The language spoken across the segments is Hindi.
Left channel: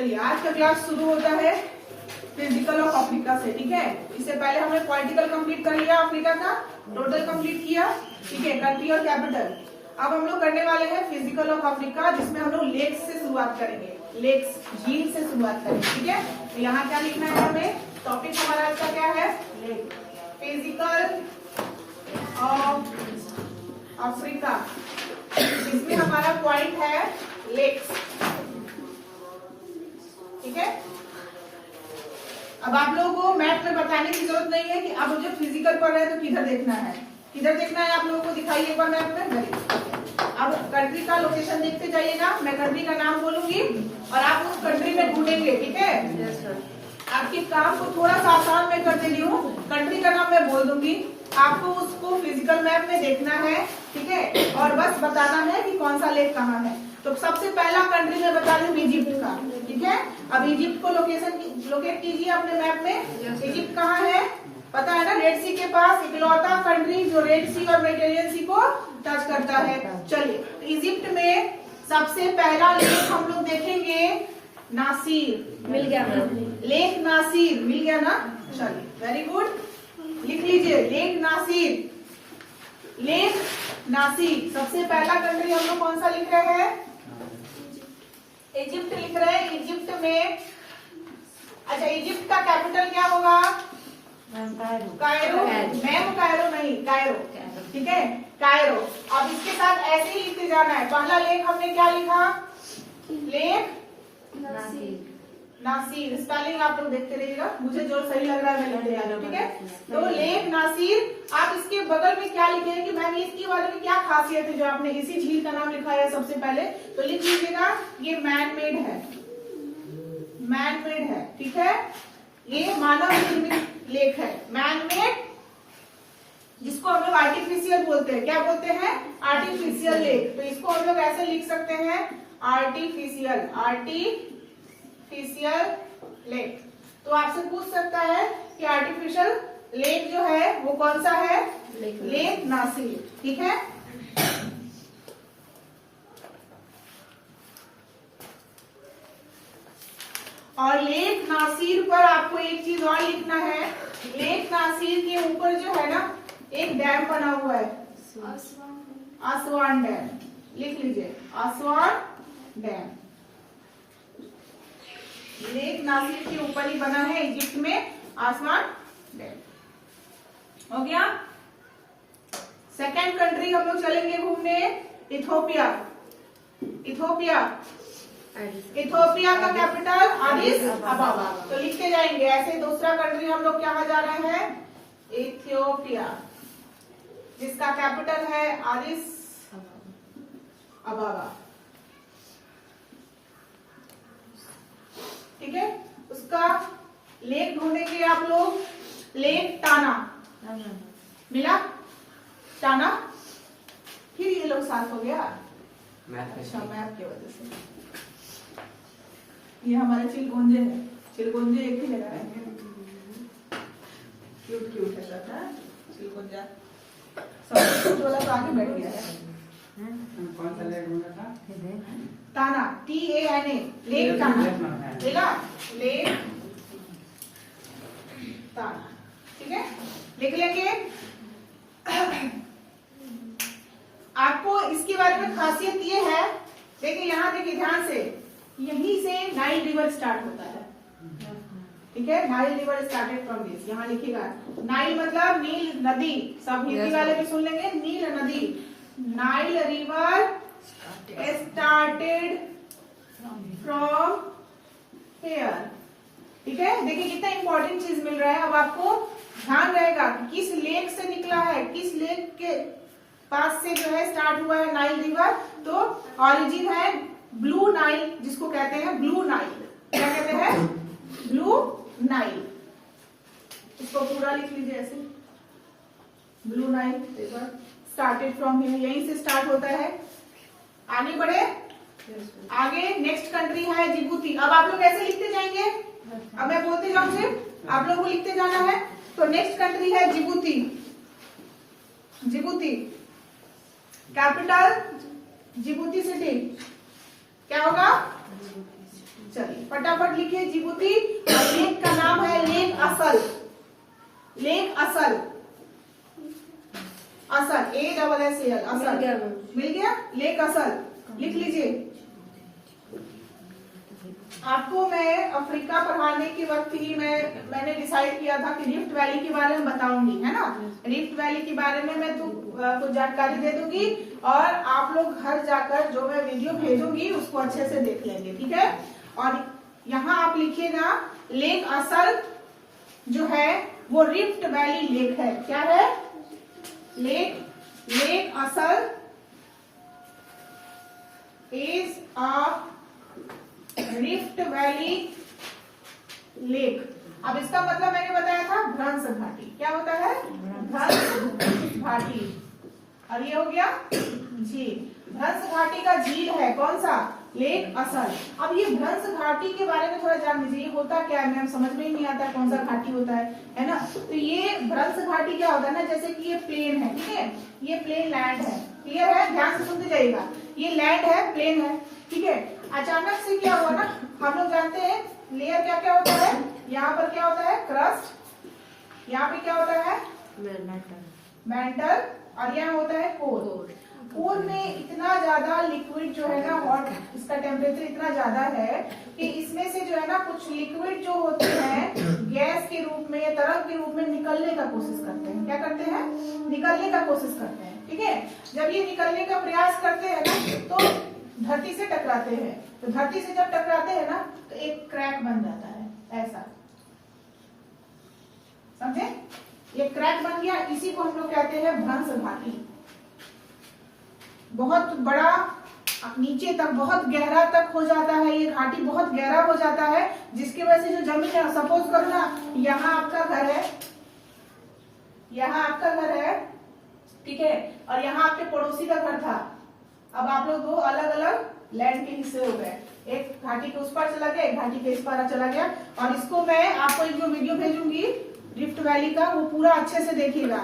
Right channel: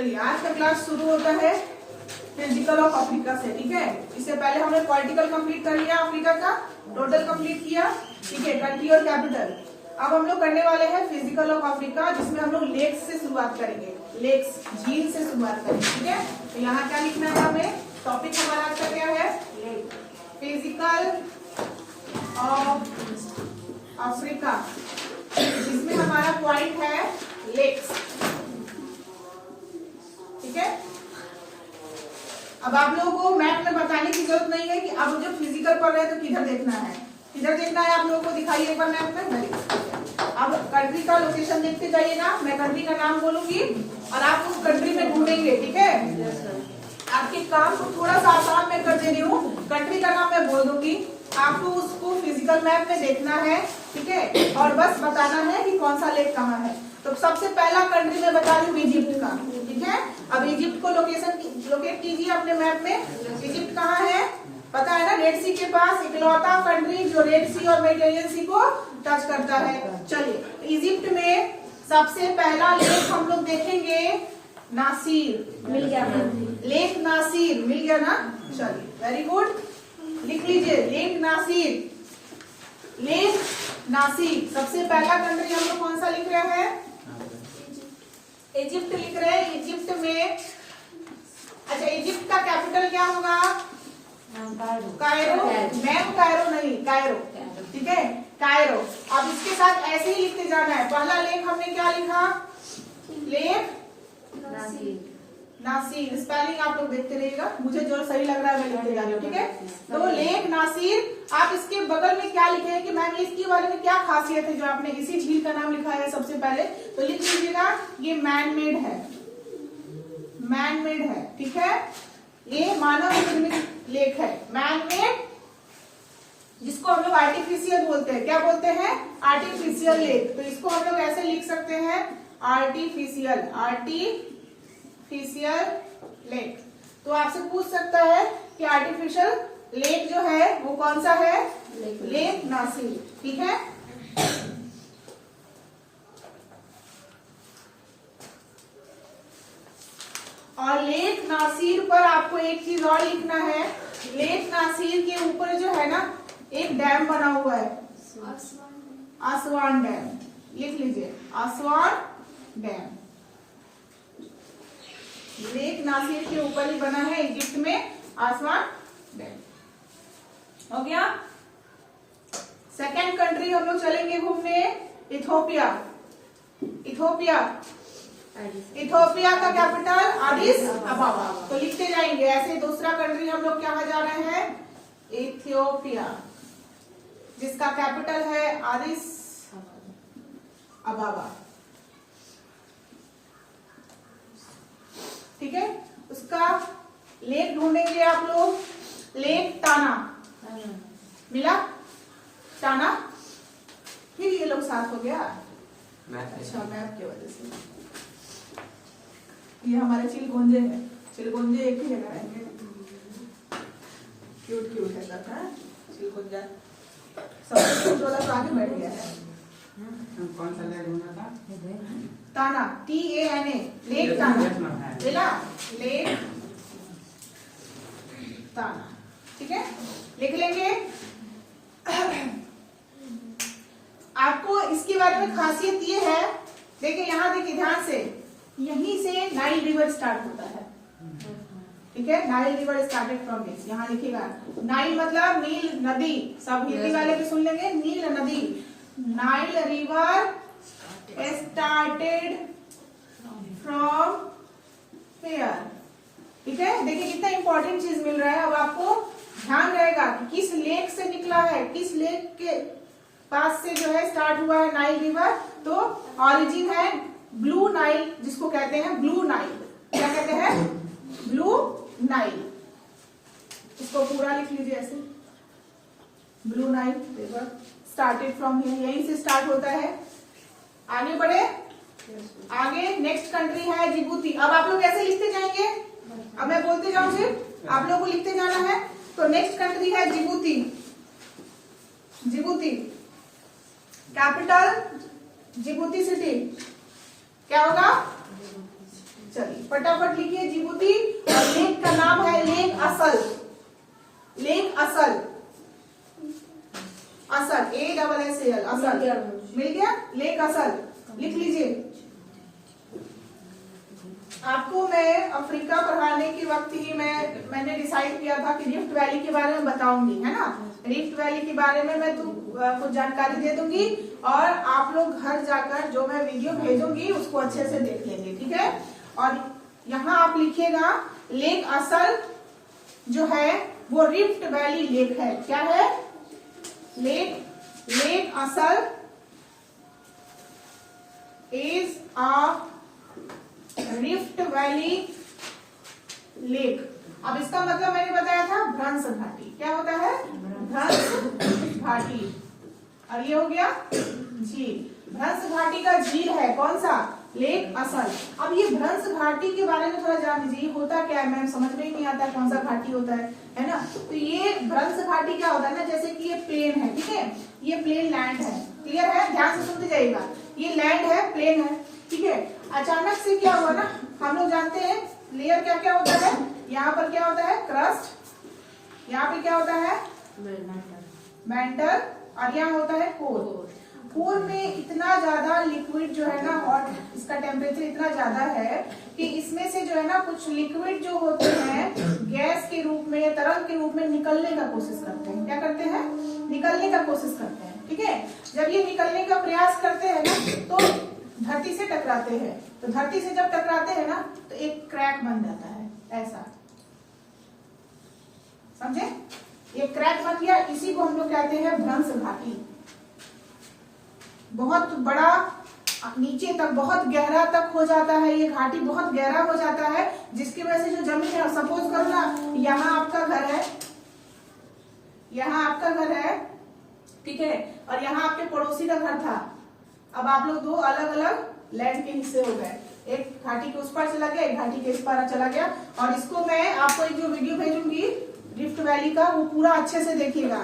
चलिए आज का क्लास शुरू होता है फिजिकल ऑफ अफ्रीका से। ठीक है, इससे पहले हमने पॉलिटिकल कंप्लीट कर लिया, अफ्रीका का टोटल कंप्लीट किया। ठीक है, कंट्री और कैपिटल। अब हम लोग करने वाले हैं फिजिकल ऑफ अफ्रीका, जिसमें हम लोग लेक्स से शुरुआत करेंगे, लेक्स झील से शुरुआत करेंगे। ठीक है, तो यहाँ क्या लिखना है हमें, टॉपिक हमारा आज का क्या है, फिजिकल ऑफ अफ्रीका, जिसमें हमारा पॉइंट है लेक्स। ठीक है, अब आप लोगों को मैप में बताने की जरूरत नहीं है कि आप जब फिजिकल पढ़ रहे हैं तो किधर देखना है, किधर देखना है आप लोगों को दिखाइए एक बार मैप में। अब कंट्री का लोकेशन देखते जाइए ना, मैं कंट्री का नाम बोलूंगी और आप उस कंट्री में ढूंढेंगे। ठीक है, आपके काम को थोड़ा सा आसान मैं कर दे रही हूँ, कंट्री का नाम मैं बोल दूंगी, आपको उसको फिजिकल मैप में देखना है। ठीक है, और बस बताना है कि कौन सा लेक कहाँ है। तो सबसे पहला कंट्री में बता दूं इजिप्ट का। ठीक है, अब इजिप्ट को लोकेट कीजिए अपने मैप में। इजिप्ट कहाँ है पता है ना, रेड सी के पास, इकलौता कंट्री जो रेड सी और मेडिटेरियन सी को टच करता है। चलिए, इजिप्ट में सबसे पहला लेक हम लोग देखेंगे नासिर। मिल गया ना, लेक नासिर मिल गया ना। चलिए, वेरी गुड, लिख लीजिए लेक नासिर। लेक नासिर सबसे पहला कंट्री हम लोग कौन सा लिख रहे हैं, इजिप्ट लिख रहे हैं। इजिप्ट में, अच्छा इजिप्ट का कैपिटल क्या होगा, कायरो। मैम कायरो नहीं, कायरो। ठीक है, कायरो। अब इसके साथ ऐसे ही लिखते जाना है। पहला लेक हमने क्या लिखा, लेक नासिर। स्पेलिंग आप लोग देखते रहिएगा, मुझे जो सही लग रहा है मैं लिखते जा रही हूँ। ठीक है, तो लेक नासिर। आप इसके बगल में क्या लिखेंगे कि मैम इसके बारे में क्या खासियत है जो आपने इसी झील का नाम लिखा है सबसे पहले, तो लिख लीजिएगा ये मैन मेड है, मैन मेड है। ठीक है, ये मानव निर्मित लेक है, मैन मेड, जिसको हम लोग आर्टिफिशियल बोलते हैं। क्या बोलते हैं, आर्टिफिशियल लेक। तो इसको हम लोग ऐसे लिख सकते हैं, आर्टिफिशियल, आर्टिफिशियल लेक। तो आपसे पूछ सकता है कि आर्टिफिशियल लेक जो है वो कौन सा है, लेक नासिर। ठीक है, और लेक नासिर पर आपको एक चीज और लिखना है, लेक नासिर के ऊपर जो है ना एक डैम बना हुआ है, आसवान डैम। लिख लीजिए आसवान डैम। लेक नासिर के ऊपर ही बना है इजिप्ट में आसवान डैम। हो गया। सेकंड कंट्री हम लोग चलेंगे घूमने, इथोपिया। इथोपिया, इथोपिया का कैपिटल आदिस अबाबा। तो लिखते जाएंगे ऐसे। दूसरा कंट्री हम लोग क्या जा रहे हैं, इथियोपिया, जिसका कैपिटल है आदिस अबाबा। ठीक है, उसका लेक ढूंढेंगे आप लोग, लेक टाना। मिला टाना, फिर ये लोग साथ हो गया। अच्छा, मैप की वजह से ये हमारे चिलगोंजे है, चिलगोंजे एक ही जगह रहेंगे। क्यूट क्यूट है सब है चिलगोंजा, सबसे क्यूट वाला तो आगे बैठ गया है। कौन सा लेक होना था, ताना, TANA, लेक ताना। लेला, लेक ताना। ठीक है, लिख लेंगे। आपको इसके बारे में खासियत ये है, देखिए यहाँ देखिए ध्यान से, यहीं से नाइल रिवर स्टार्ट होता है। ठीक है, Nile river started from this. यहाँ लिखिएगा नाइल मतलब नील नदी, सब हिंदी वाले भी सुन लेंगे, नील नदी। Nile river started from pair. ठीक है, देखिए कितना इंपॉर्टेंट चीज मिल रहा है। अब आपको ध्यान रहेगा कि किस लेक से निकला है, किस लेक के पास से जो है स्टार्ट हुआ है नाइल रिवर। तो ऑरिजिन है ब्लू नाइल, जिसको कहते हैं ब्लू नाइल। क्या कहते हैं, ब्लू नाइल। इसको पूरा लिख लीजिए ऐसे, blue Nile river started from here, यहीं से स्टार्ट होता है। आगे बढ़े, आगे नेक्स्ट कंट्री है जिबूती। अब आप लोग ऐसे लिखते जाएंगे, अब मैं बोलते जाऊं फिर आप लोगों को लिखते जाना है। तो नेक्स्ट कंट्री है Djibouti. Djibouti capital, Djibouti city क्या होगा, चलिए फटाफट लिखिए जिबूती। लेक का नाम है लेक असल। लेक असल, असल ASSAL असल। मिल गया लेक असल, लिख लीजिए। आपको मैं अफ्रीका पढ़ाने के वक्त ही मैंने डिसाइड किया था कि रिफ्ट वैली के बारे में बताऊंगी, है ना। रिफ्ट वैली के बारे में मैं कुछ जानकारी दे दूंगी और आप लोग घर जाकर जो मैं वीडियो भेजूंगी उसको अच्छे से देख लेंगे, ठीक है। और यहाँ आप लिखिएगा लेक असल जो है वो रिफ्ट वैली लेक है। क्या है? लेक असल is a rift valley lake. अब इसका मतलब मैंने बताया था भ्रंश घाटी। क्या होता है? भ्रंश घाटी। और ये हो गया झील। भ्रंश घाटी का झील है कौन सा? लेक असल। अब ये भ्रंश घाटी के बारे में थोड़ा जान लीजिए, ये होता क्या है? मैम समझ में ही नहीं आता कौन सा घाटी होता है ना। तो ये भ्रंश घाटी क्या होता है ना, जैसे कि ये प्लेन है, ठीक है, ये प्लेन लैंड है, क्लियर है, ध्यान से सुनते जाइएगा। ये लैंड है, प्लेन है, ठीक है। अचानक से क्या हुआ ना, हम लोग जानते हैं लेयर क्या क्या होता है। यहाँ पर क्या होता है? क्रस्ट। यहाँ पे क्या होता है? मेंटल। और यहाँ होता है कोर। कोर में इतना ज्यादा लिक्विड जो है ना, और इसका टेम्परेचर इतना ज्यादा है कि इसमें से जो है ना कुछ लिक्विड जो होते हैं गैस के रूप में या तरल के रूप में निकलने का कोशिश करते हैं। क्या करते हैं? निकलने का कोशिश करते हैं, ठीक है। जब ये निकलने का प्रयास करते हैं ना तो धरती से टकराते हैं। तो धरती से जब टकराते हैं ना तो एक क्रैक बन जाता है, ऐसा, समझे? ये क्रैक बन गया, इसी को हम लोग कहते हैं भ्रंश घाटी। बहुत बड़ा नीचे तक बहुत गहरा तक हो जाता है, ये घाटी बहुत गहरा हो जाता है, जिसकी वजह से जो जमीन है, सपोज करो ना यहाँ आपका घर है, यहाँ आपका घर है, ठीक है, और यहाँ आपके पड़ोसी का घर था। अब आप लोग दो अलग अलग लैंड के हिस्से हो गए, एक घाटी के उस पार चला गया, एक घाटी के इस पार चला गया। और इसको मैं आपको एक जो वीडियो भेजूंगी रिफ्ट वैली का, वो पूरा अच्छे से देखिएगा।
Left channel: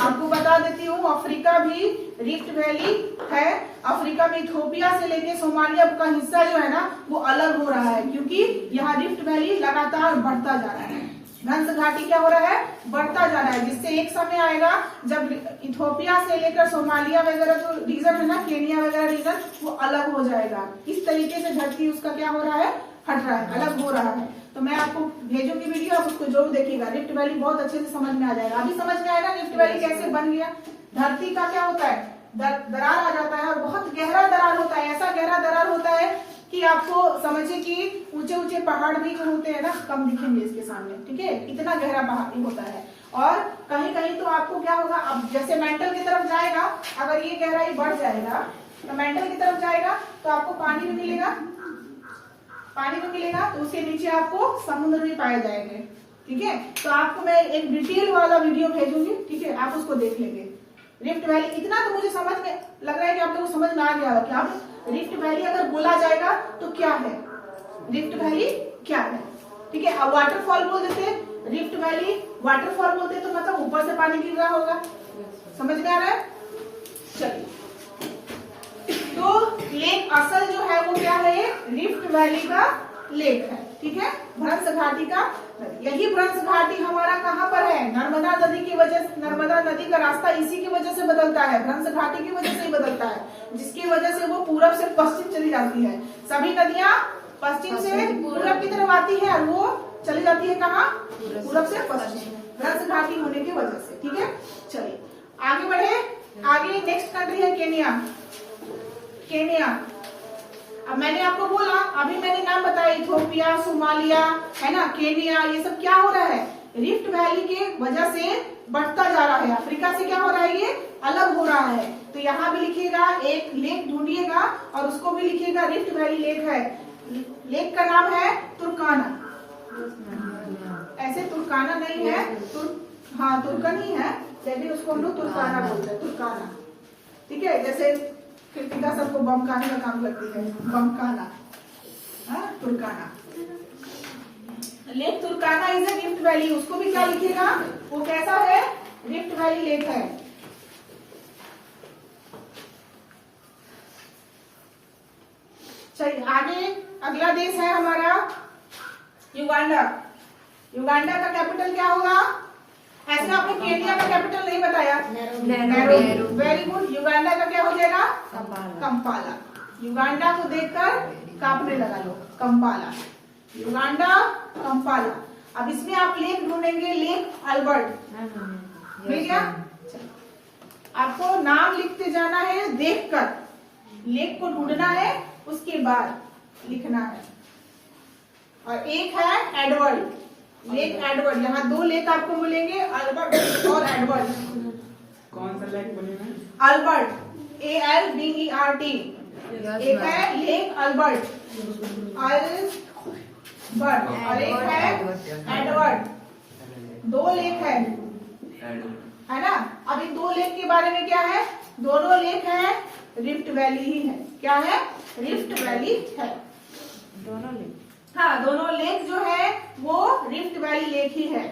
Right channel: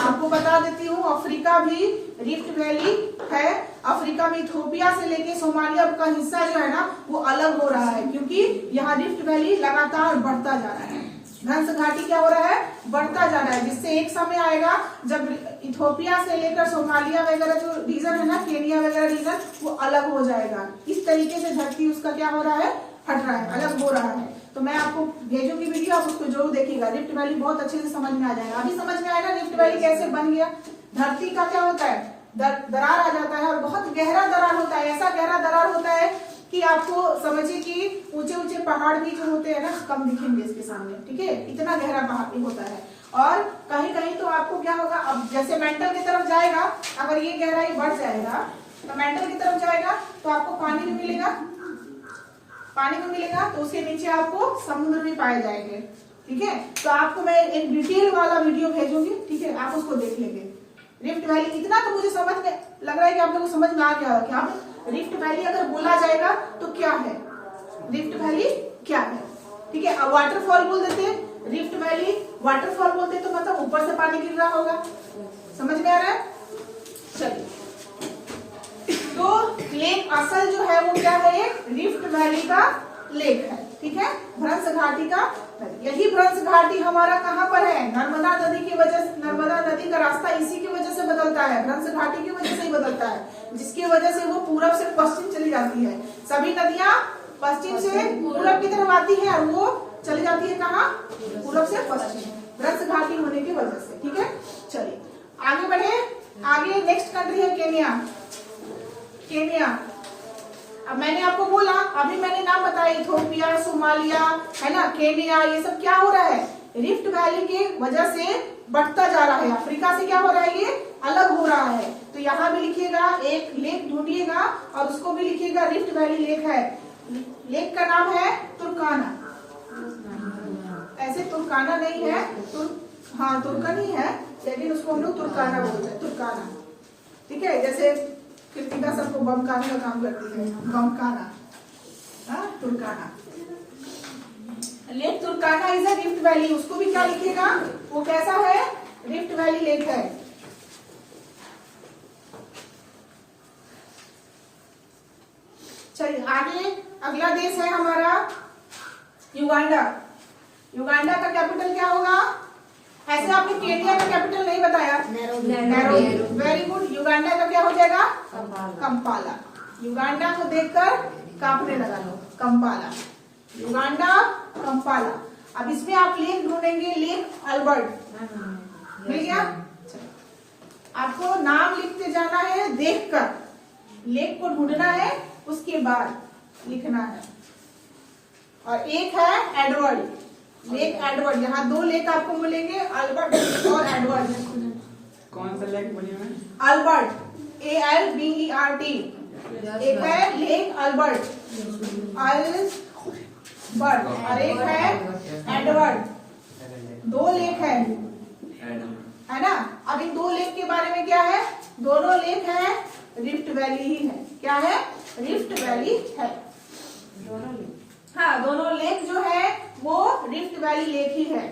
आपको बता देती हूँ अफ्रीका भी रिफ्ट वैली है। अफ्रीका में इथोपिया से लेके सोमालिया का हिस्सा जो है ना वो अलग हो रहा है, क्योंकि यहाँ रिफ्ट वैली लगातार बढ़ता जा रहा है। भ्रंश घाटी क्या हो रहा है? बढ़ता जा रहा है, जिससे एक समय आएगा जब इथोपिया से लेकर सोमालिया वगैरह जो रीजन है ना, केनिया वगैरह रीजन, वो अलग हो जाएगा। इस तरीके से धरती उसका क्या हो रहा है? हट रहा है, अलग हो रहा है। तो मैं आपको भेजूंगी वीडियो, आप उसको जरूर देखिएगा। रिफ्ट वैली बहुत अच्छे से समझ में आ जाएगा। अभी समझ में आएगा रिफ्ट वैली कैसे बन गया। धरती का क्या होता है? दरार आ जाता है, और बहुत गहरा दरार होता है। ऐसा गहरा दरार होता है कि आपको समझिए कि ऊंचे ऊंचे पहाड़ भी जो होते हैं ना कम दिखेंगे इसके सामने, ठीक है, इतना गहरा पहाड़ होता है। और कहीं कहीं तो आपको क्या होगा, अब जैसे मेंटल की तरफ जाएगा, अगर ये गहराई बढ़ जाएगा तो मेंटल की तरफ जाएगा तो आपको पानी में मिलेगा, पानी में मिलेगा, तो उसके नीचे आपको समुद्र भी पाए जाएंगे, ठीक है। तो आपको मैं एक डिटेल वाला वीडियो भेजूंगी, ठीक है, आप उसको देख लेंगे। रिफ्ट वैली इतना तो मुझे समझ में लग रहा है कि आप लोगों को समझ में आ गया होगा। क्या रिफ्ट वैली अगर बोला जाएगा तो क्या है, रिफ्ट वैली क्या है, ठीक है। अब वाटरफॉल बोल देते, रिफ्ट वैली वाटरफॉल बोलते तो मतलब ऊपर से पानी गिर रहा होगा। समझ में आ रहा है? चलिए, तो लेक असल जो है वो क्या है? ये रिफ्ट वैली का लेक है, ठीक है, भ्रंश घाटी का। यही भ्रंश घाटी हमारा कहाँ पर है? नर्मदा नदी की वजह से, नर्मदा नदी का रास्ता इसी की वजह से बदलता है, भ्रंश घाटी की वजह से ही बदलता है, जिसकी वजह से वो पूरब से पश्चिम चली जाती है। सभी नदियां पश्चिम से पूरब की तरफ आती है और वो चली जाती है कहाँ? पूरब से पश्चिम, भ्रंश घाटी होने की वजह से, ठीक है। चलिए आगे बढ़े। आगे नेक्स्ट कंट्री है केनिया। केनिया, अब मैंने आपको बोला, अभी मैंने नाम बताया, इथोपिया, सोमालिया, है ना, केनिया, ये सब क्या हो रहा है? रिफ्ट वैली के वजह से बढ़ता जा रहा है। अफ्रीका से क्या हो रहा है? ये अलग हो रहा है। तो यहाँ भी लिखिएगा, एक लेक ढूंढिएगा और उसको भी लिखिएगा रिफ्ट वैली लेक है। लेक का नाम है तुर्काना। ऐसे तुर्काना नहीं है, हाँ तुर्कन ही है, लेकिन उसको हम लोग तुर्काना बोलते हैं, तुर्काना, ठीक है। जैसे कृतिका सबको बमकाने का काम करती है, बमकाना, हाँ तुर्काना। Lake तुर्काना is a rift valley, उसको भी क्या लिखिएगा? वो कैसा है? रिफ्ट वैली लेक है। चलिए आगे अगला देश है हमारा युगांडा। युगांडा का कैपिटल क्या होगा? ऐसे आपने केनिया का कैपिटल नहीं बताया। नैरोबी। Very good. युगांडा का क्या हो जाएगा? कंपाला। युगांडा को देखकर कांपने लगा लो, कंपाला। Uganda, Kampala. अब इसमें आप लेक ढूंढेंगे, लेक अल्बर्ट। मिल गया? आपको नाम लिखते जाना है देखकर, लेक को ढूंढना है, उसके बाद लिखना है। और एक है एडवर्ड, लेक एडवर्ड। यहाँ दो लेक आपको मिलेंगे, अल्बर्ट और एडवर्ड। कौन सा लेक बोलिए मैम? Albert, ALBERT। एक है लेक अल्बर्ट, अल्बर्ट, और एक है एडवर्ड। दो लेक है ना? अब इन दो लेक के बारे में क्या है? दोनों लेक है रिफ्ट वैली ही है। क्या है? रिफ्ट वैली है। हाँ, दोनों लेक जो है वो रिफ्ट वैली लेक ही है।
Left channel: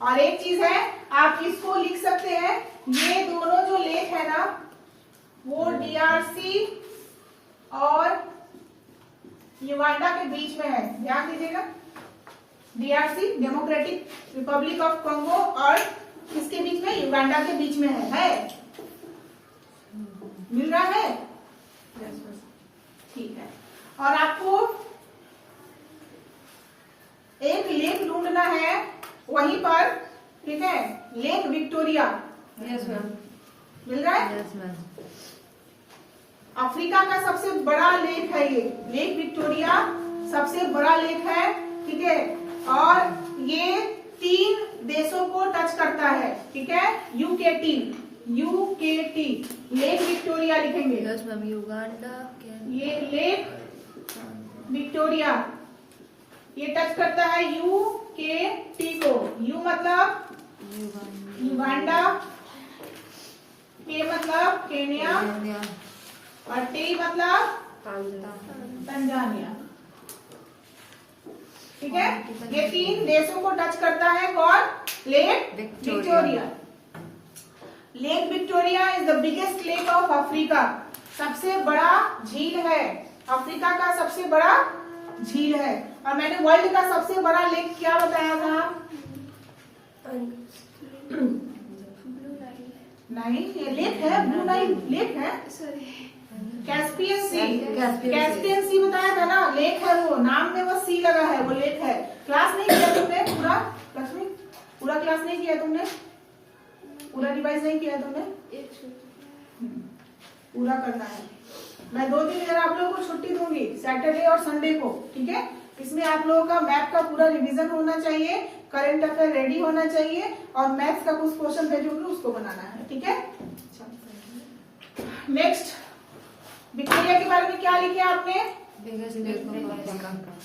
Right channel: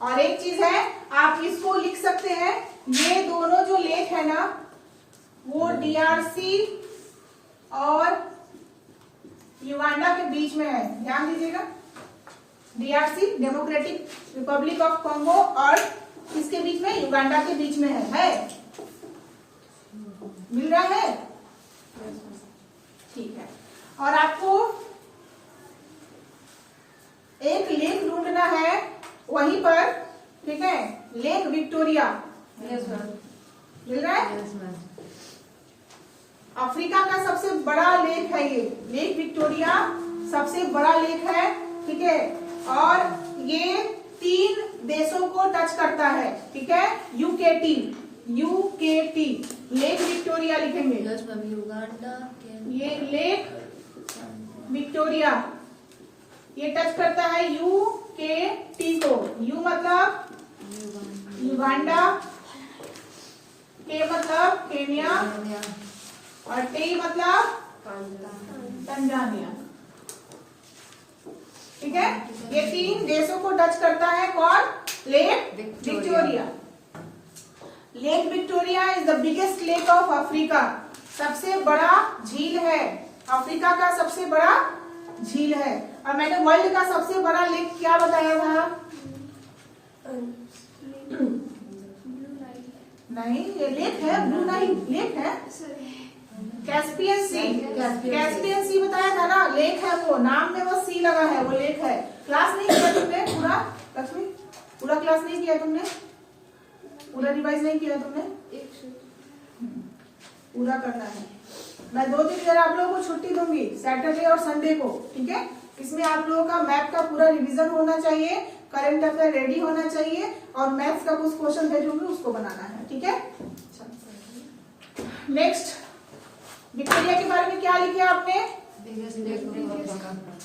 और एक चीज है, आप इसको लिख सकते हैं, ये दोनों जो लेक है ना वो DRC और युगांडा के बीच में है। ध्यान दीजिएगा, DRC democratic Republic of Congo और किसके बीच में? युगांडा के बीच में है। मिल रहा है? ठीक है। और आपको एक लेक ढूंढना है वहीं पर, ठीक है? Lake Victoria. Yes ma'am. मिल रहा है? Yes ma'am. अफ्रीका का सबसे बड़ा लेक है ये, लेक विक्टोरिया सबसे बड़ा लेक है, ठीक है? और ये 3 देशों को टच करता है, ठीक है? UKT लेक विक्टोरिया लिखेंगे। Yes ma'am. युगांडा, ये लेक विक्टोरिया ये टच करता है UKT को। यू मतलब युगांडा, के मतलब केनिया, और टी मतलब तंजानिया। ठीक है? ये 3 देशों को टच करता है। कौन? Lake Victoria. Lake Victoria is the biggest lake of Africa. सबसे बड़ा झील है, अफ्रीका का सबसे बड़ा झील है। और मैंने वर्ल्ड का सबसे बड़ा लेक क्या बताया था? नहीं, ये लेक है, ब्लू नाइल लेक है। कैस्पियन सी, कैस्पियन सी बताया था ना, लेक है वो, नाम में वो सी लगा है, वो लेक है। क्लास नहीं किया तुमने पूरा? लक्ष्मी, पूरा क्लास नहीं किया तुमने? पूरा रिवाइज नहीं किया तुमने? पूरा करना है। मैं 2 दिन आप लोगों को छुट्टी दूंगी, सैटरडे और संडे को, ठीक है? इसमें आप लोगों का मैथ का पूरा रिवीजन होना चाहिए, करंट अफेयर रेडी होना चाहिए, और मैथ्स का कुछ क्वेश्चन भेजूंगी उसको बनाना है, ठीक है? नेक्स्ट, विक्टोरिया के बारे में क्या लिखे आपने?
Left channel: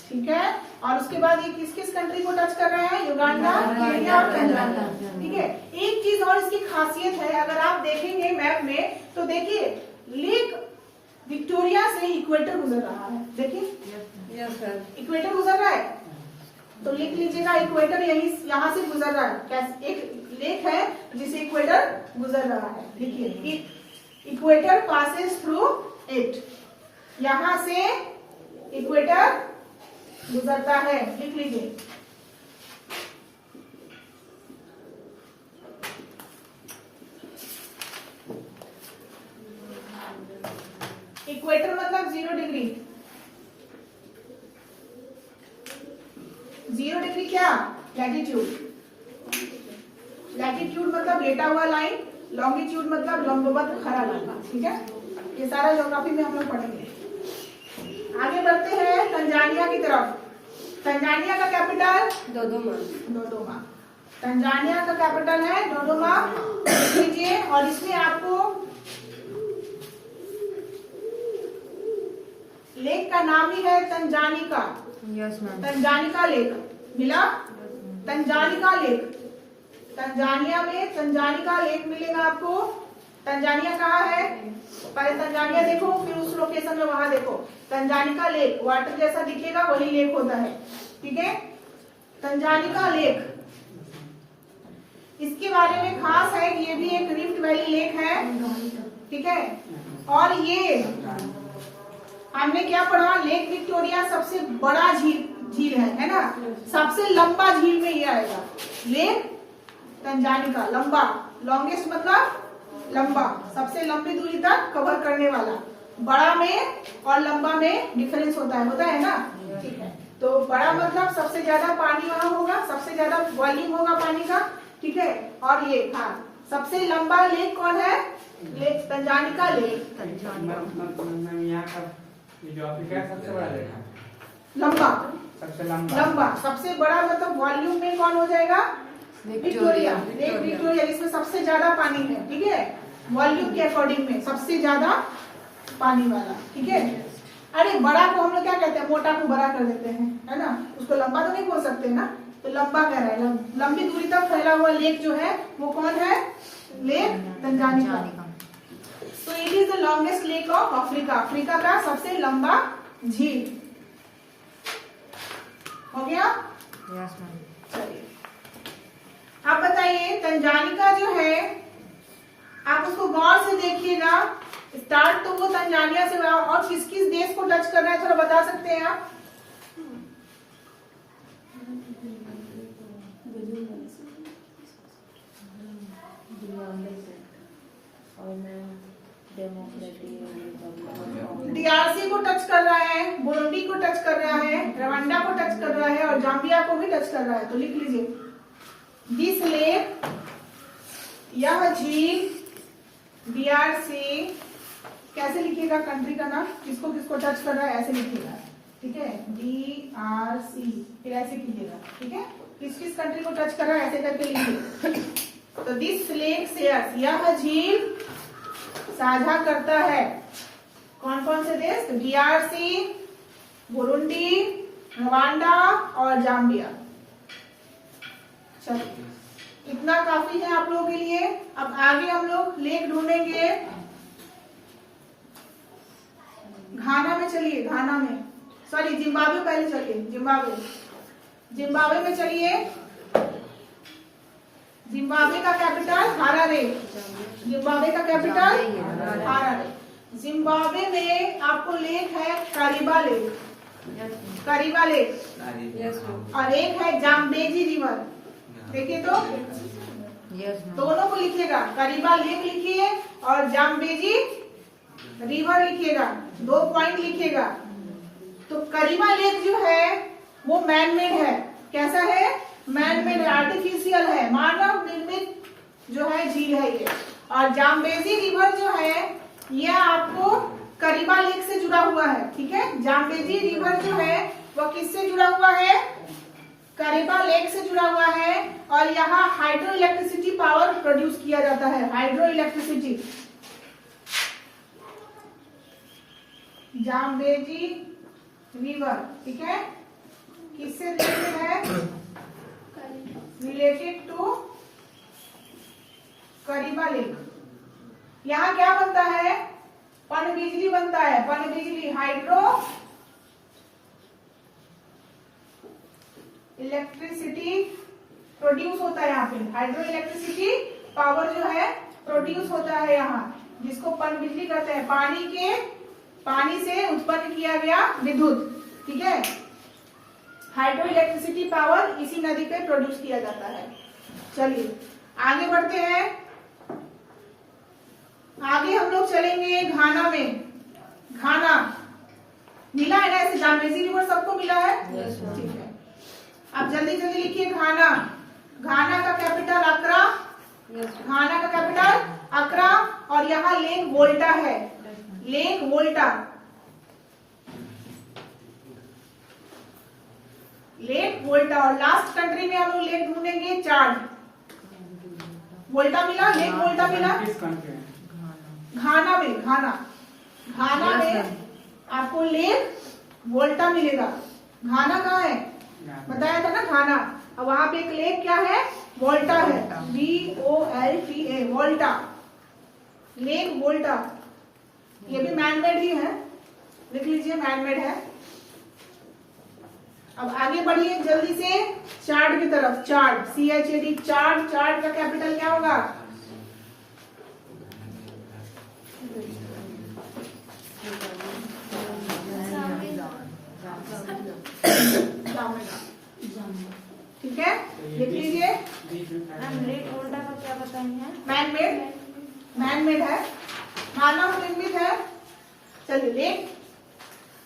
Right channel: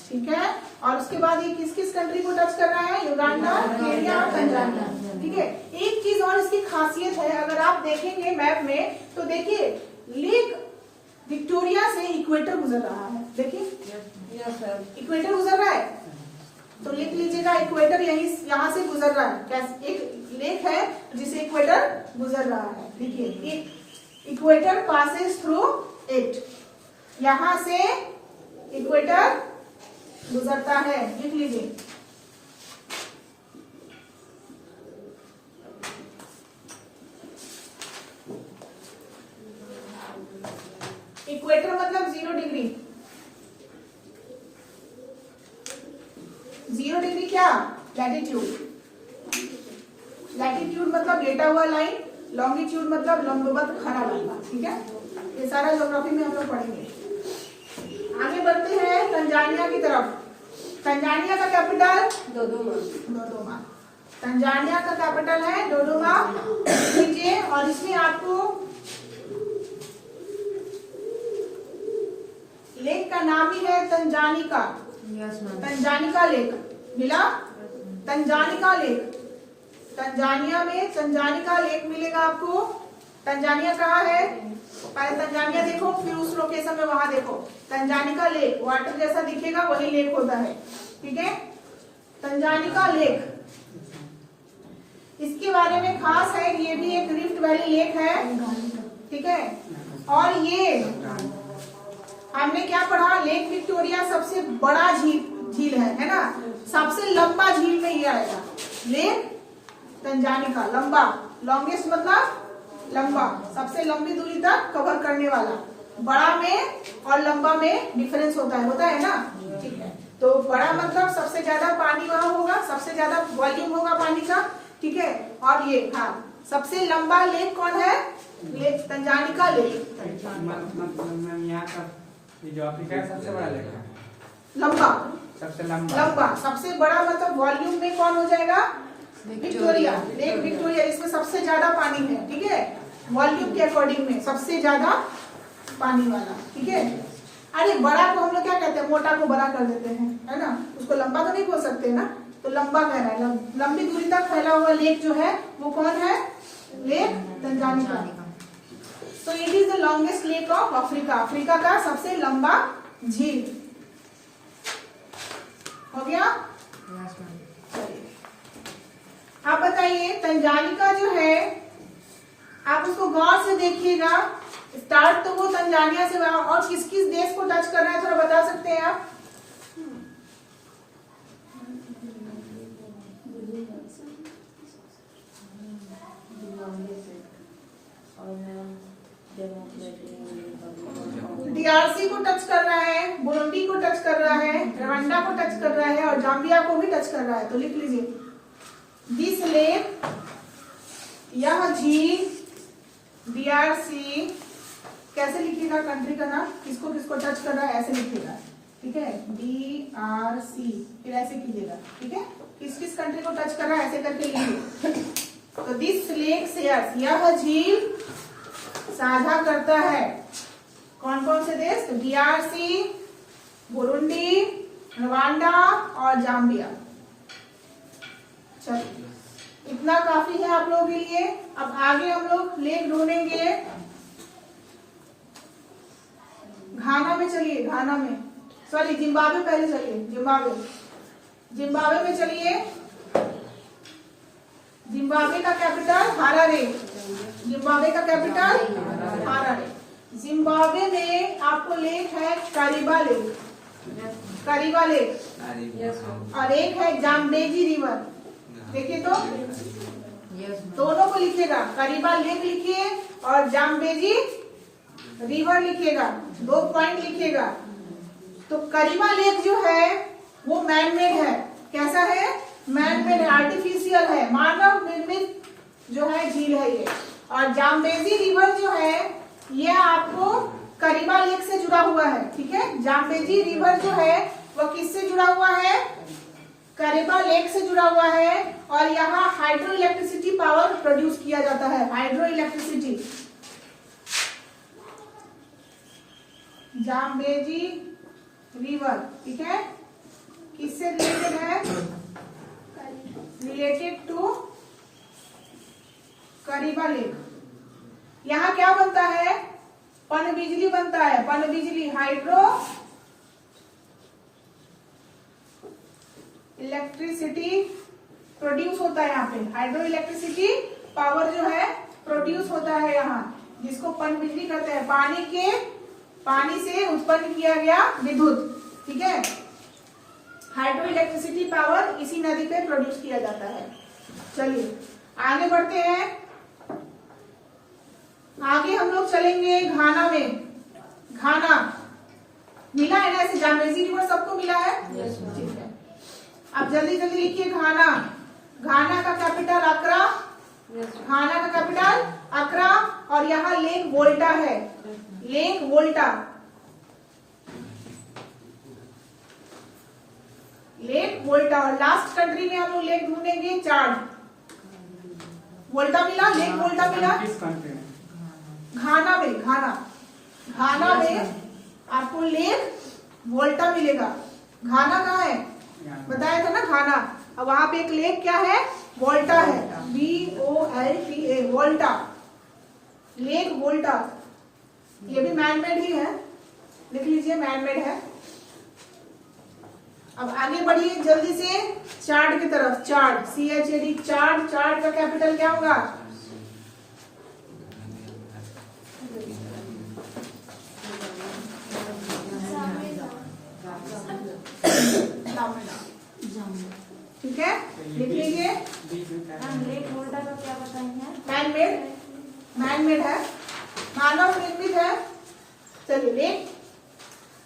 ठीक है। और उसके बाद ये किस किस कंट्री को टच कर रहा है? युगांडा, केन्या और तंजानिया। ठीक है। एक चीज और इसकी खासियत है, अगर आप देखेंगे मैप में तो देखिए लेक विक्टोरिया से इक्वेटर गुजर रहा है। देखिए इक्वेटर गुजर रहा है, तो लिख लीजिएगा इक्वेटर यहाँ से गुजर रहा है। एक लेक है जिसे इक्वेटर गुजर रहा है। देखिए इक्वेटर पासेस थ्रू इट, यहां से इक्वेटर गुजरता है, लिख लीजिए। इक्वेटर मतलब 0 डिग्री। 0 डिग्री क्या? लैटिट्यूड। लैटिट्यूड मतलब लेटा हुआ लाइन, लॉन्गिट्यूड मतलब लंबवत खड़ा लाइन। ठीक है, ये सारा ज्योग्राफी में हम लोग पढ़ेंगे। आगे बढ़ते हैं तंजानिया की तरफ। तंजानिया का कैपिटल डोडोमा। तंजानिया का कैपिटल है डोडोमा, लीजिए। और इसमें आपको लेक का नाम ही है तंजानिका। तंजानिका लेक मिला। तंजानिका लेक, तंजानिया में तंजानिका लेक मिलेगा आपको। तंजानिया कहाँ है? पहले तंजानिया देखो, फिर उस लोकेशन में वहां देखो। तंजानिका लेक वाटर जैसा दिखेगा, वही लेक होता है। ठीक है, तंजानिका लेक, इसके बारे में खास है, ये भी एक रिफ्ट वैली लेक है। ठीक है, और ये हमने क्या पढ़ा, लेक विक्टोरिया सबसे बड़ा झील है ना, सबसे लंबा झील में ये आएगा। लेक तंजानिका लंबा, लॉन्गेस्ट मतलब लंबा, सबसे लंबी दूरी तक कवर करने वाला। बड़ा में और लंबा में डिफरेंस होता है ना, ठीक है। तो बड़ा मतलब सबसे ज्यादा पानी वहां होगा, सबसे ज्यादा वॉल्यूम होगा पानी का, ठीक है। और ये हाँ, सबसे लंबा लेक कौन है, लेक तंजानिका लेक। मतलब यहाँ का ये जो अफ्रीका है सबसे बड़ा लेक है, लंबा, सबसे लंबा। लंबा सबसे बड़ा मतलब वॉल्यूम में कौन हो जाएगा, विक्टोरिया, लेक विक्टोरिया, इसमें सबसे ज्यादा पानी है, ठीक है। वॉल्यूम के अकॉर्डिंग में सबसे ज्यादा पानी वाला, ठीक है। अरे बड़ा को हम लोग क्या कहते हैं, मोटा को बड़ा कर देते हैं, है ना, उसको लंबा तो नहीं बोल सकते ना, तो लंबा कह रहा है। लंबी दूरी तक फैला हुआ लेक जो है वो कौन है, लेक तंजानिका। तो it is the longest lake of Africa, Africa का सबसे लंबा झील। हो गया, चलिए आप बताइए तंजानिका जो है, आप उसको गौर से देखिएगा। स्टार्ट तो वो तंजानिया से हुआ, और किस किस देश को टच कर रहा है थोड़ा बता सकते हैं आप। डीआरसी को टच कर रहा है, बुरुंडी को टच कर रहा है, रवांडा को टच कर रहा है, और जाम्बिया को भी टच कर रहा है। तो लिख लीजिए, दिस लेक, यह झील, डीआरसी, कैसे लिखिएगा कंट्री का नाम, किसको किसको टच कर रहा है ऐसे लिखिएगा, ठीक है। डीआरसी, फिर ऐसे कीजिएगा, ठीक है। किस किस कंट्री को टच कर रहा है ऐसे करके लिखिए। तो दिस लेक शेयर्स, यह झील साझा करता है कौन कौन से देश, डीआरसी, बुरुंडी, रवांडा और जाम्बिया। चलिए इतना काफी है आप लोगों के लिए। अब आगे हम लोग लेक ढूंढेंगे घाना में। चलिए घाना में, सॉरी जिम्बाब्वे पहले चलिए, जिम्बाब्वे में चलिए। जिम्बाब्वे का कैपिटल हारारे, जिम्बाब्वे का कैपिटल हारारे। जिम्बाब्वे में आपको लेक है करीबा लेक, करीबा लेक, और एक है जाम्बेजी रिवर। देखिए तो दोनों को लिखिएगा, करीबा लेक लिखिए और जाम्बेजी रिवर लिखिएगा, 2 पॉइंट लिखिएगा। तो करीबा लेक जो है वो मैनमेड है, कैसा है, मैनमेड है, आर्टिफिशियल है, मानव निर्मित जो है झील है ये। और जाम्बेजी रिवर जो है ये आपको करीबा लेक से जुड़ा हुआ है, ठीक है। जाम्बेजी रिवर जो है वो किससे जुड़ा हुआ है, करीबा लेक से जुड़ा हुआ है। और यहाँ हाइड्रो इलेक्ट्रिसिटी पावर प्रोड्यूस किया जाता है, हाइड्रो इलेक्ट्रिसिटी। जाम्बेजी रिवर, ठीक है, किससे रिलेटेड है, रिलेटेड टू करीबा लेक। यहाँ क्या बनता है, पनबिजली बनता है, पनबिजली, हाइड्रो इलेक्ट्रिसिटी प्रोड्यूस होता है यहाँ पे, हाइड्रो इलेक्ट्रिसिटी पावर जो है प्रोड्यूस होता है यहाँ, जिसको पनबिजली कहते हैं। पानी से उत्पन्न किया गया विद्युत, ठीक है। हाइड्रो इलेक्ट्रिसिटी पावर इसी नदी पे प्रोड्यूस किया जाता है। चलिए आगे बढ़ते हैं। आगे हम लोग चलेंगे घाना में। घाना मिला है ना, ऐसे जाम्बेजी रिवर सबको मिला है, ठीक है। अब जल्दी जल्दी लिखिए घाना। घाना का कैपिटल अक्रा, घाना का कैपिटल अक्रा, और यहाँ लेक वोल्टा है, लेक वोल्टा, लेक वोल्टा। और लास्ट कंट्री में हम लोग लेक ढूंढेंगे चाड। वोल्टा मिला, लेक वोल्टा मिला किस कंट्री में? घाना में, घाना में आपको लेक वोल्टा मिलेगा। घाना कहाँ है, बताया था ना घाना। अब वहां पे एक लेक क्या है, वोल्टा है, VOLTA, वोल्टा, लेक वोल्टा। ये भी मैनमेड ही है, लिख लीजिए मैनमेड है। अब आगे बढ़िए जल्दी से चाड की तरफ। चाड, CHAD, चाड। चाड का कैपिटल क्या होगा, जामेगा, ठीक है, लिख लीजिए। क्या बताएंगे? मैन मेड है, मानव निर्मित है। चलिए लेक,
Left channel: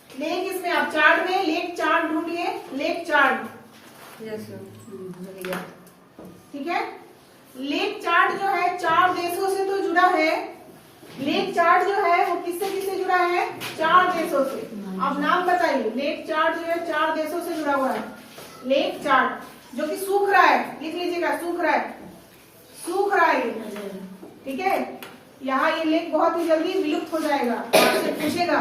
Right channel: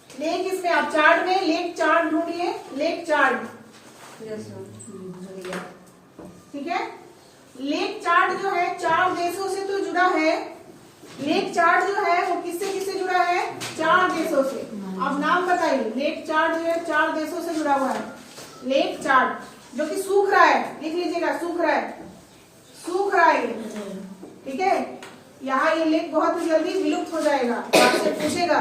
लेक इसमें आप चार्ट में लेक चार्ट ढूंढिए, लेक चार्ट, यस मैम। ठीक है। लेक चार्ट जो है 4 देशों से तो जुड़ा है। लेक चार्ट जो है वो किससे किससे जुड़ा है? 4 देशों से। अब नाम बताइए। लेक चार्ट जो है 4 देशों से जुड़ा हुआ है। लेक चार्ट जो कि सूख रहा है, लिख लीजिएगा, सूख रहा है, सूख रहा है ये, ठीक है। यहाँ ये लेक बहुत ही जल्दी विलुप्त हो जाएगा। आपसे पूछेगा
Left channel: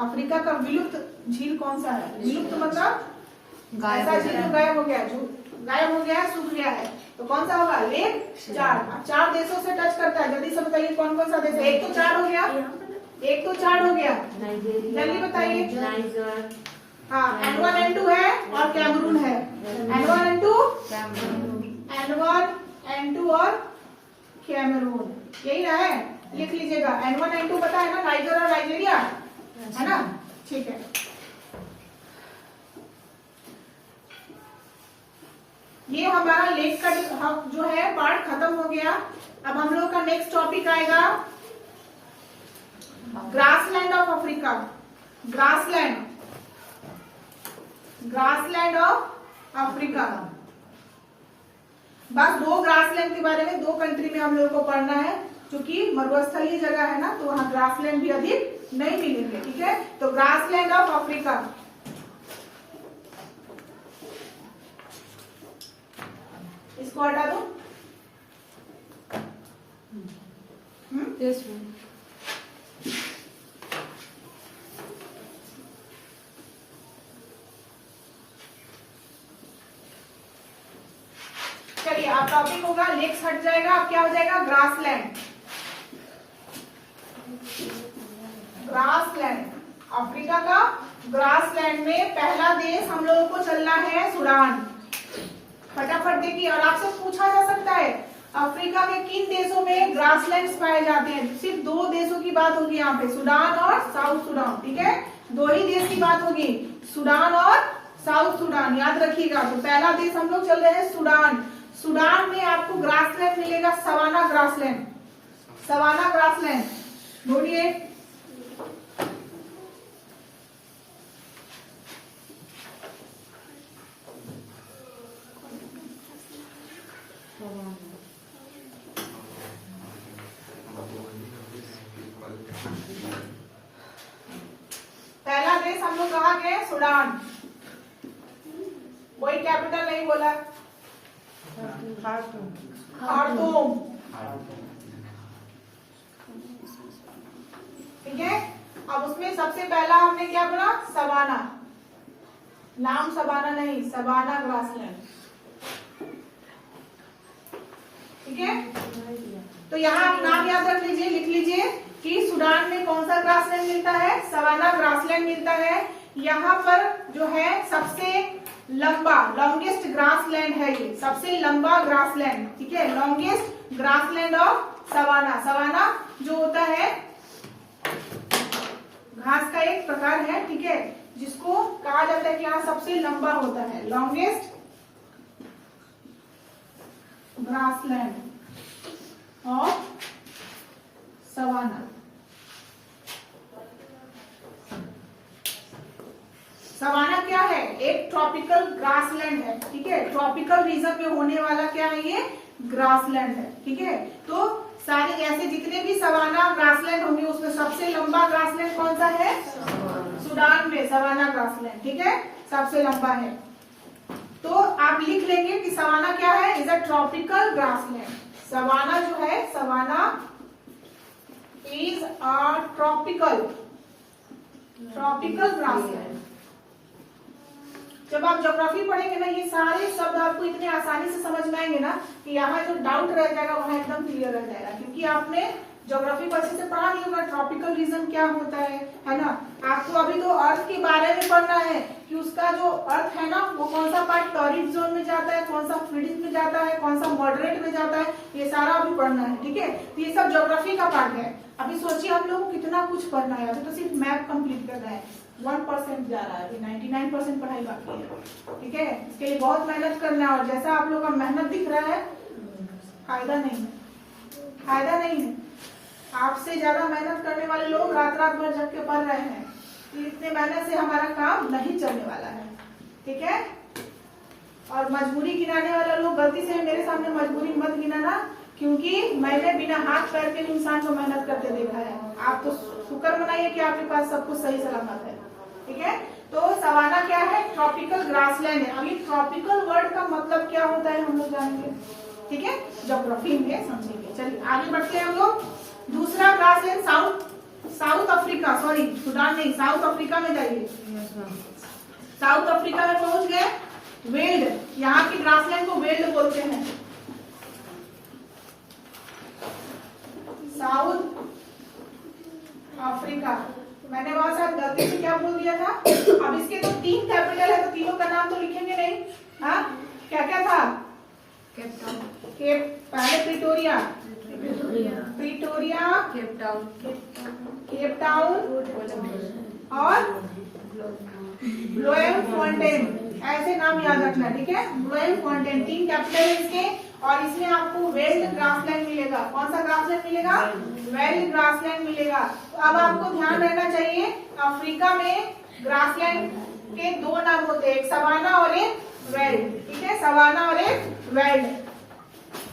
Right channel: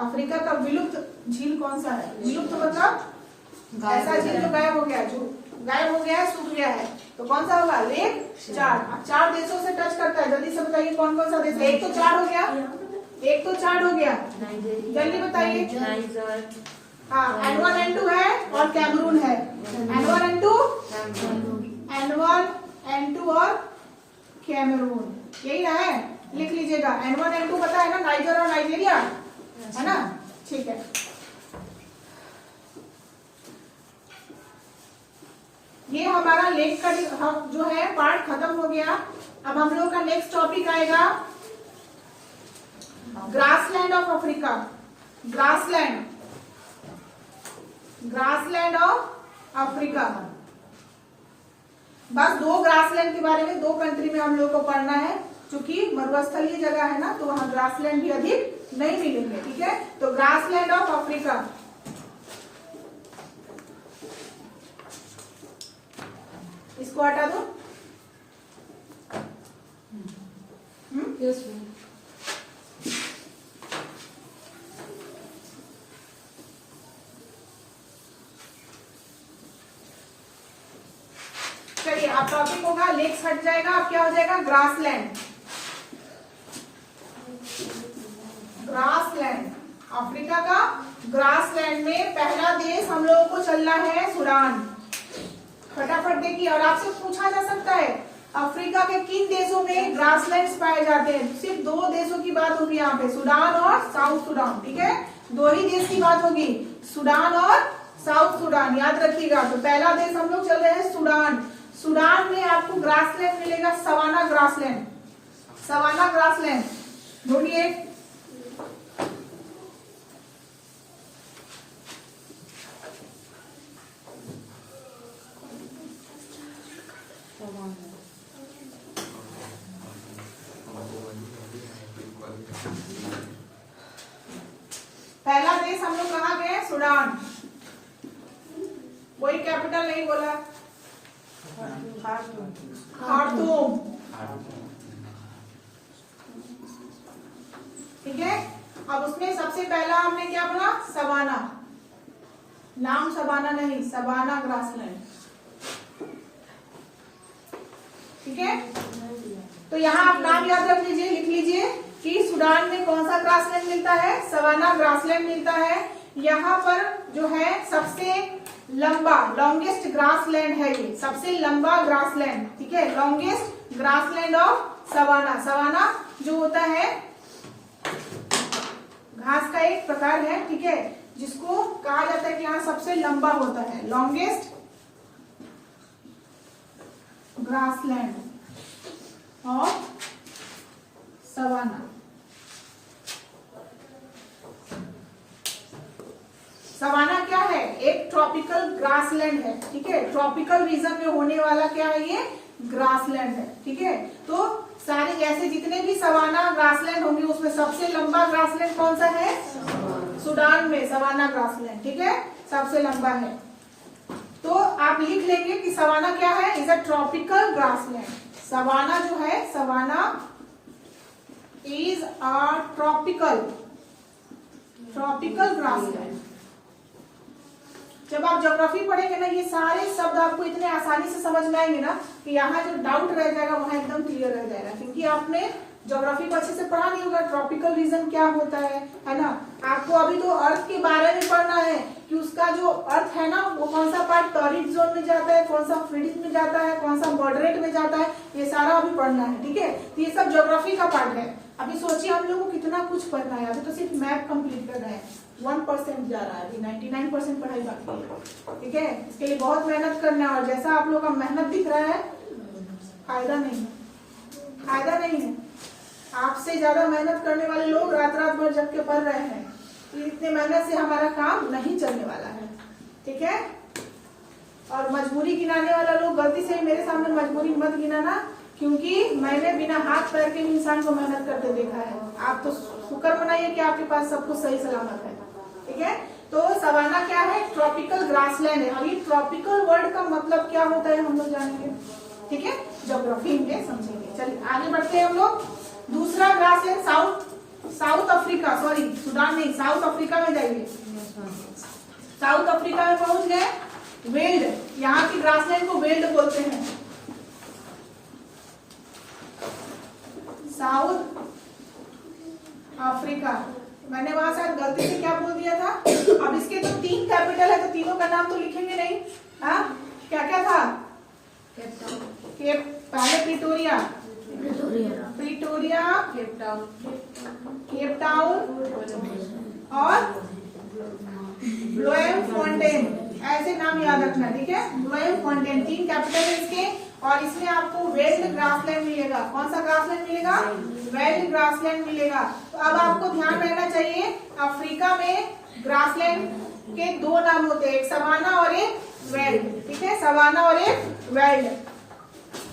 अफ्रीका का विलुप्त झील कौन सा है? विलुप्त मतलब ऐसा झील जो गायब हो गया, जो गायब हो गया है, सूख गया है, तो कौन सा होगा? Lake chart. अब 4 देशों से टच करता है, जल्दी से बताइए कौन कौन सा देश है? एक तो चार्ट हो गया, एक तो चार्ट हो गया, जल्दी बताइए। हाँ, N1 N2 है और कैमरून है। N1 N2 N1 N2 और कैमरून, यही ना है, लिख लीजिएगा। N1 N2 पता है ना, नाइजर और नाइजीरिया, है ना, ठीक है। ये हमारा लेक का जो है पार्ट खत्म हो गया। अब हम लोग का नेक्स्ट टॉपिक आएगा grassland of Africa. Grassland, grassland of Africa. बस 2 ग्रासलैंड के बारे में 2 कंट्री में हम लोग को पढ़ना है, क्योंकि मरुस्थलीय जगह है ना, तो वहां ग्रासलैंड भी अधिक नहीं मिलेंगे, ठीक है। तो ग्रासलैंड ऑफ अफ्रीका, इसको हटा दो। Yes ma'am. चलिए, आप टॉपिक होगा लेक्स हट जाएगा, अब क्या हो जाएगा? ग्रासलैंड। ग्रासलैंड, अफ्रीका का ग्रासलैंड में पहला देश हम लोगों को चलना है सूडान। फटाफट देखिए, और आपसे पूछा जा सकता है अफ्रीका के किन देशों में ग्रासलैंड्स पाए जाते हैं? सिर्फ 2 देशों की बात होगी यहाँ पे, सूडान और साउथ सूडान, ठीक है। 2 ही देश की बात होगी, सूडान और साउथ सूडान, याद रखिएगा। तो पहला देश हम लोग चल रहे हैं सूडान। सूडान में आपको ग्रासलैंड मिलेगा, सवाना ग्रासलैंड। सवाना ग्रासलैंड ढूंढिए। पहला देश हम लोग कहाँ गए? सूडान। कोई कैपिटल नहीं बोला। खार्तूम, ठीक है। अब उसमें सबसे पहला हमने क्या बोला? सवाना। नाम सवाना नहीं, सवाना ग्रासलैंड, ठीक है। तो यहाँ आप नाम याद रख लीजिए, लिख लीजिए कि सूडान में कौन सा ग्रासलैंड मिलता है? सवाना ग्रासलैंड मिलता है। यहाँ पर जो है सबसे लंबा, लॉन्गेस्ट ग्रासलैंड है ये, सबसे लंबा ग्रासलैंड, ठीक है। Longest grassland of savanna. Savanna जो होता है घास का एक प्रकार है, ठीक है, जिसको कहा जाता है कि यहाँ सबसे लंबा होता है, longest grassland of savanna. Savanna क्या है? एक ट्रॉपिकल ग्रासलैंड है, ठीक है। ट्रॉपिकल रीजन में होने वाला क्या है? ये ग्रासलैंड है, ठीक है। तो सारे ऐसे जितने भी सवाना ग्रासलैंड होंगे उसमें सबसे लंबा ग्रासलैंड कौन सा है? सूडान में सवाना ग्रासलैंड, ठीक है, सबसे लंबा है। तो आप लिख लेंगे कि सवाना क्या है? Is a tropical grassland. Savanna जो है, savanna is a tropical grassland. जब आप ज्योग्राफी पढ़ेंगे ना, ये सारे शब्द आपको इतने आसानी से समझ में आएंगे ना कि यहाँ जो डाउट रह जाएगा वहाँ एकदम क्लियर रह जाएगा, क्योंकि आपने ज्योग्राफी को अच्छे से पढ़ा नहीं होगा। ट्रॉपिकल रीजन क्या होता है ना। आपको अभी तो अर्थ के बारे में पढ़ना है कि उसका जो अर्थ है ना, वो कौन सा पार्ट टॉरिड जोन में जाता है, कौन सा फ्रीडिंग में जाता है, कौन सा मॉडरेट में जाता है, ये सारा अभी पढ़ना है, ठीक है। तो ये सब ज्योग्राफी का पार्ट है। अभी सोचिए हम लोग को कितना कुछ पढ़ना है, अभी तो सिर्फ मैप कंप्लीट करना है। 1% जा रहा है, अभी 99% पढ़ाई बाकी है। ठीक है, इसके लिए बहुत मेहनत करना है, और जैसा आप लोग का मेहनत दिख रहा है, फायदा नहीं है, फायदा नहीं है। आपसे ज्यादा मेहनत करने वाले लोग रात रात भर जग के पढ़ रहे हैं, इतने मेहनत से हमारा काम नहीं चलने वाला है। ठीक है, और मजबूरी गिनाने वाला लोग गलती से मेरे सामने मजबूरी मत गिनाना, क्योंकि मैंने बिना हाथ पैर के भी इंसान को मेहनत करते देखा है। आप तो शुक्र मनाइए कि आपके पास सब कुछ सही सलामत है। ठीक है, तो सवाना क्या है? ट्रॉपिकल ग्रासलैंड है। अभी ट्रॉपिकल वर्ड का मतलब क्या होता है हम लोग जानेंगे। ठीक है, ज्योग्राफी में समझेंगे। चलिए आगे बढ़ते हैं हम लोग। दूसरा grassland south Africa, sorry Sudan नहीं, साउथ अफ्रीका में जाइए। साउथ अफ्रीका में पहुंच गए। वेल्ड, यहाँ की ग्रासलैंड को वेल्ड बोलते हैं। साउथ अफ्रीका, मैंने वहां शायद गलती से क्या बोल दिया था। अब इसके तो 3 कैपिटल है, तो तीनों का नाम तो लिखेंगे नहीं। हाँ, क्या क्या था? पहले प्रिटोरिया, केप टाउन और ब्लोएमफॉन्टेन, ऐसे नाम याद रखना। ठीक है, ब्लोएमफॉन्टेन 3 कैपिटल है इसके, और इसमें आपको वेल्ड ग्रासलैंड मिलेगा। कौन सा ग्रासलैंड मिलेगा? वेल्ड ग्रासलैंड मिलेगा। तो अब आपको ध्यान रहना चाहिए, अफ्रीका में ग्रासलैंड के 2 नाम होते हैं, एक सवाना और एक वेल्ड। ठीक है, सवाना और एक वेल्ड।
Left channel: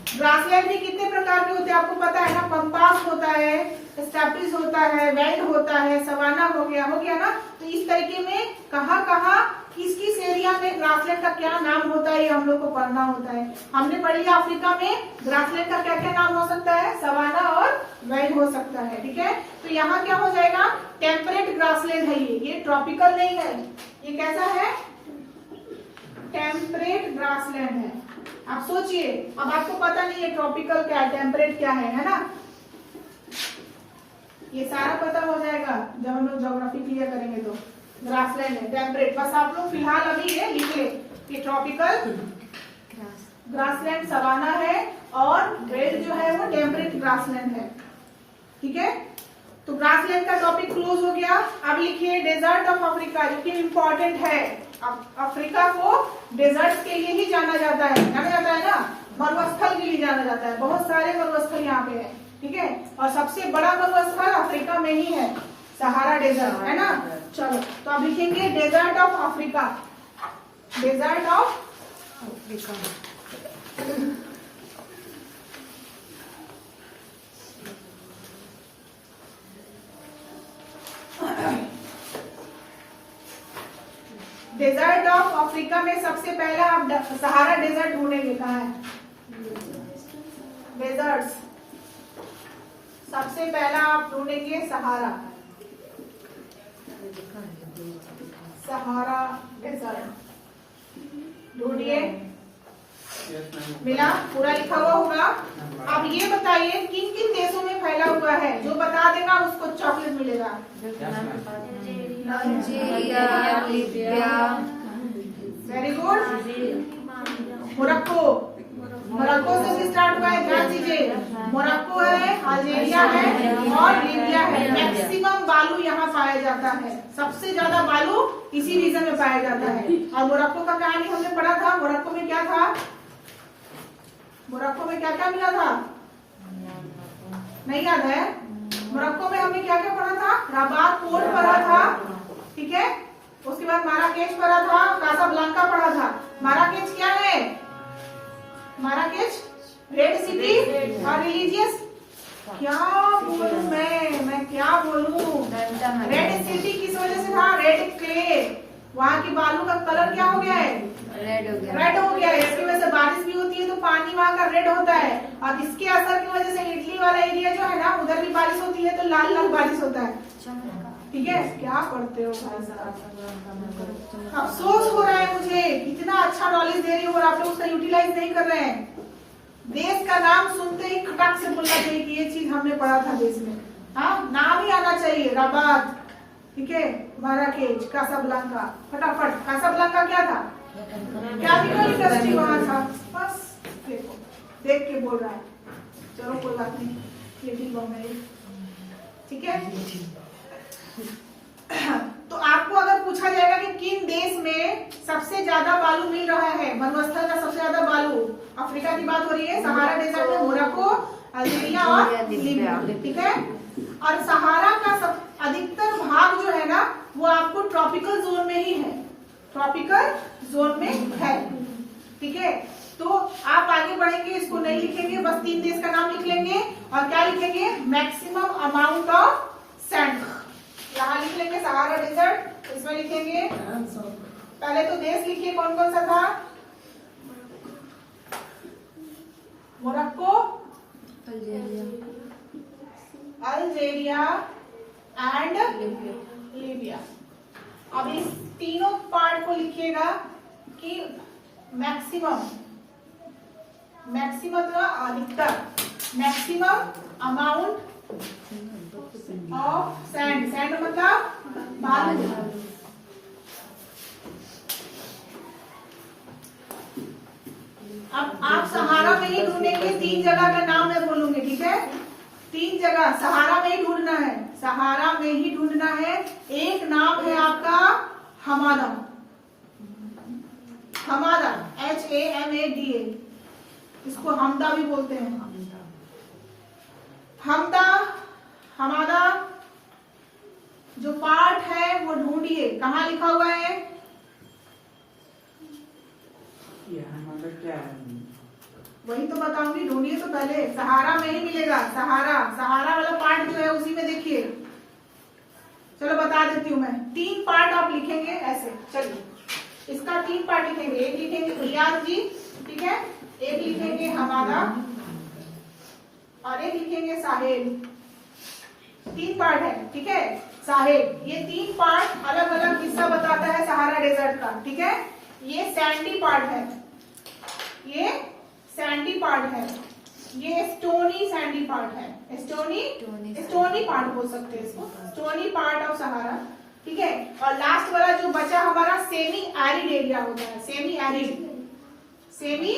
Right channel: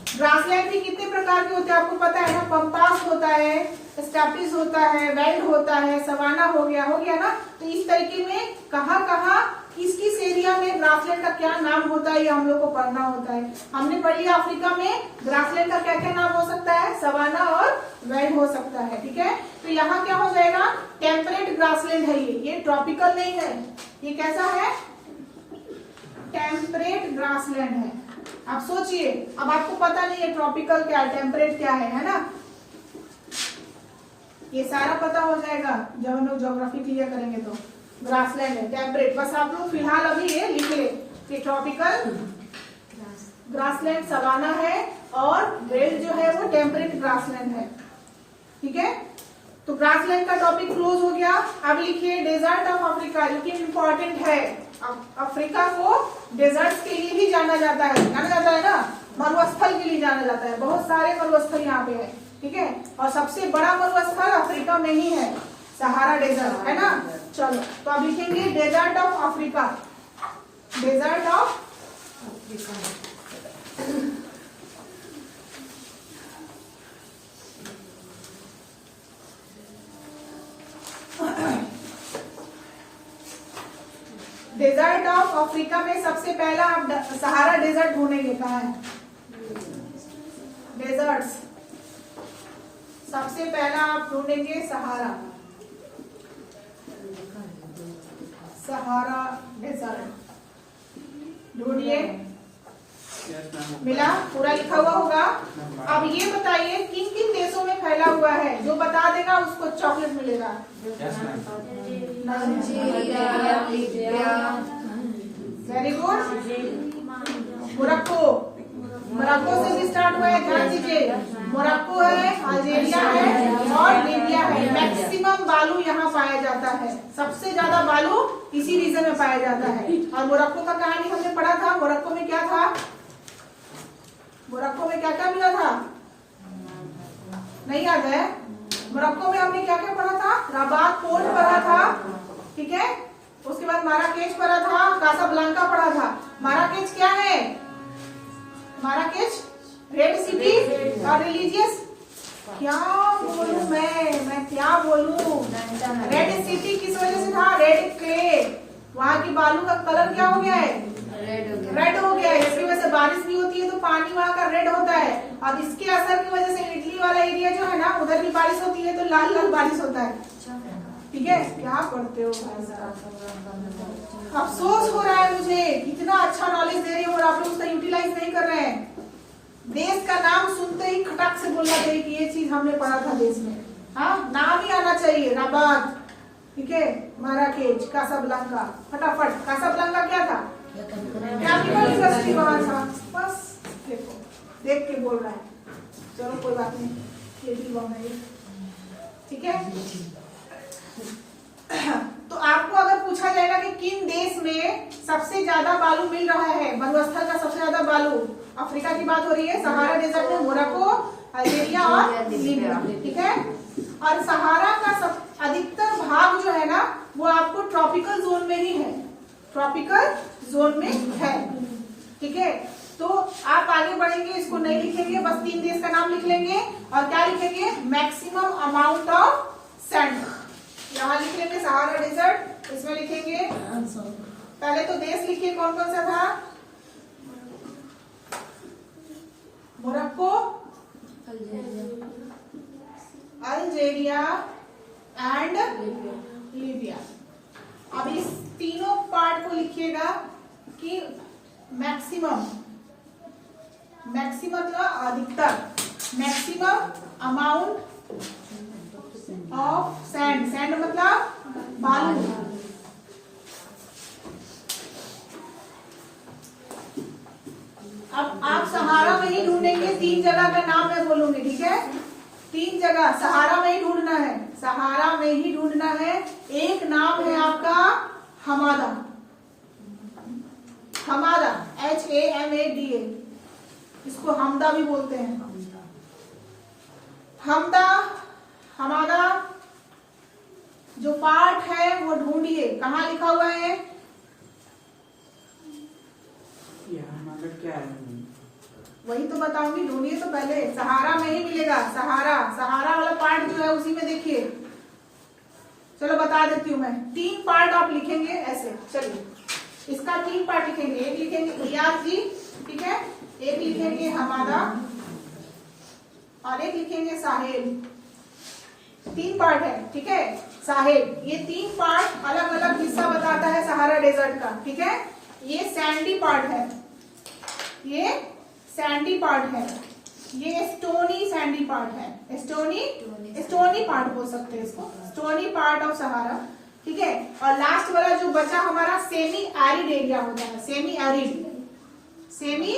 ग्रासलैंड भी कितने प्रकार के होते हैं आपको पता है ना? पंपास होता है, स्टेपिस होता है, वेल्ड होता है, सवाना हो गया ना। तो इस तरीके में कहाँ किस किस एरिया में ग्रासलैंड का क्या नाम होता है, ये हम लोग को पढ़ना होता है। हमने पढ़ लिया अफ्रीका में ग्रासलैंड का क्या क्या नाम हो सकता है, सवाना और वेल्ड हो सकता है। ठीक है, तो यहाँ क्या हो जाएगा? टेम्परेट ग्रासलैंड है ये ट्रॉपिकल नहीं है। ये कैसा है? टेम्परेट ग्रासलैंड है। आप सोचिए, अब आपको पता नहीं है ट्रॉपिकल क्या है, टेम्परेट क्या है ना? ये सारा पता हो जाएगा जब हम लोग ज्योग्राफी क्लियर करेंगे। तो ग्रासलैंड है, टेम्परेट, बस आप लोग फिलहाल अभी ये लिख ले कि ट्रॉपिकल ग्रासलैंड सवाना है, और वेल्ड जो है वो टेम्परेट ग्रासलैंड है। ठीक है, तो ग्रासलैंड का टॉपिक क्लोज हो गया। अब लिखिए डेजर्ट ऑफ अफ्रीका, जो कि इम्पोर्टेंट है। अफ्रीका को डेजर्ट्स के लिए ही जाना जाता है ना, मरुस्थल के लिए जाना जाता है। बहुत सारे मरुस्थल यहाँ पे है। ठीक है, और सबसे बड़ा मरुस्थल अफ्रीका में ही है, सहारा डेजर्ट है ना। चलो, तो अब लिखेंगे desert of Africa, desert of Africa. Desert of Africa में सबसे पहला आप सहारा डेजर्ट ढूंढेंगे। कहाँ है डेजर्ट्स? सबसे पहला आप ढूंढेंगे सहारा डेजर्ट। ढूंढिए, मिला? पूरा लिखा हुआ होगा। अब ये बताइए किन किन देशों में फैला हुआ है? जो बता देगा उसको चॉकलेट मिलेगा। Very good. मोरक्को से भी स्टार्ट हुआ है, ध्यान दीजिए। मोरक्को है, अल्जीरिया है और लीबिया है। मैक्सिमम बालू यहाँ पाया जाता है, सबसे ज्यादा बालू इसी रीजन में पाया जाता है। और मोरक्को का कहानी हमने पढ़ा था। मोरक्को में क्या था? मोरक्को में क्या क्या मिला था? नहीं याद है? मोरक्को में हमने क्या क्या पढ़ा था? रबात पोर्ट पढ़ा था। ठीक है, उसके बाद माराकेश पढ़ा था, कासाब्लांका पढ़ा था। माराकेश क्या है? माराकेश रेड सिटी और रिलीजियस, क्या बोलूं मैं क्या बोलूं? रेड सिटी किस वजह से था? रेड क्ले, वहाँ की बालू का कलर क्या हो गया है? रेड हो गया है। इसकी वजह से बारिश भी होती है तो पानी वहाँ का रेड होता है, और इसके असर की वजह से इटली वाला एरिया जो है ना, उधर भी बारिश होती है तो लाल लाल बारिश होता है। ठीक है, क्या पढ़ते हो भाई साहब? अफसोस हो रहा है मुझे, इतना अच्छा नॉलेज दे रही हूँ और आप लोग उसका यूटिलाइज नहीं कर रहे हैं। देश का नाम सुनते ही खटक से बोलना चाहिए कि ये चीज हमने पढ़ा था देश में। हाँ, नाम ही आना चाहिए। रबात, ठीक है, माराकेश, कासाब्लांका, फटाफट। कासाब्लांका क्या था? केमिकल इंडस्ट्री वहां था। बस देखो, देख के बोल रहा है। चलो कोई बात नहीं, ये भी बम है। ठीक है, तो आपको में सबसे ज्यादा बालू मिल रहा है, मरुस्थल का सबसे ज्यादा बालू, अफ्रीका की बात हो रही है, सहारा डेजर्ट में मोरक्को, अल्जीरिया और लीबिया, ठीक है। और सहारा का सब अधिकतर भाग जो है ना वो आपको ट्रॉपिकल जोन में ही है, ट्रॉपिकल जोन में है, ठीक है। तो आप आगे बढ़ेंगे, इसको नहीं लिखेंगे, बस 3 देश का नाम लिख लेंगे और क्या लिखेंगे, मैक्सिमम अमाउंट ऑफ सैंड, यहाँ लिख लेंगे सहारा डेजर्ट, इसमें लिखेंगे पहले तो देश लिखिए कौन कौन सा था, मोरक्को, अल्जीरिया एंड लीबिया। अब इस तीनों पार्ट को लिखिएगा कि मैक्सिमम, मैक्सिमम मतलब अधिकतर, maximum amount of sand, sand मतलब बालू, अब आप सहारा में ही ढूंढेंगे, 3 जगह का नाम मैं बोलूंगी, ठीक है, 3 जगह सहारा में ही ढूंढना है, सहारा में ही ढूंढना है। एक नाम है आपका हमादा, हमादा HAMADA, इसको हमदा भी बोलते हैं, हमदा, हमादा जो पार्ट है वो ढूंढिए, कहाँ लिखा हुआ है, क्या है, वही तो बताऊंगी, ढूंढिए तो पहले, सहारा में ही मिलेगा, सहारा, सहारा वाला पार्ट जो है उसी में देखिए, चलो बता देती हूँ मैं, 3 पार्ट आप लिखेंगे ऐसे, चलिए इसका 3 पार्ट लिखेंगे, एक लिखेंगे ERG, ठीक है, एक लिखेंगे हमादा और एक लिखेंगे साहेल, 3 पार्ट है, ठीक है, साहेल, ये 3 पार्ट अलग अलग हिस्सा बताता है सहारा डेजर्ट का, ठीक है। ये सैंडी पार्ट है, ये सैंडी पार्ट है, ये स्टोनी सैंडी पार्ट है, स्टोनी पार्ट बोल सकते हैं इसको, स्टोनी पार्ट ऑफ सहारा, ठीक है। और लास्ट वाला जो बचा हमारा सेमी एरिड एरिया होता है, सेमी एरिड, सेमी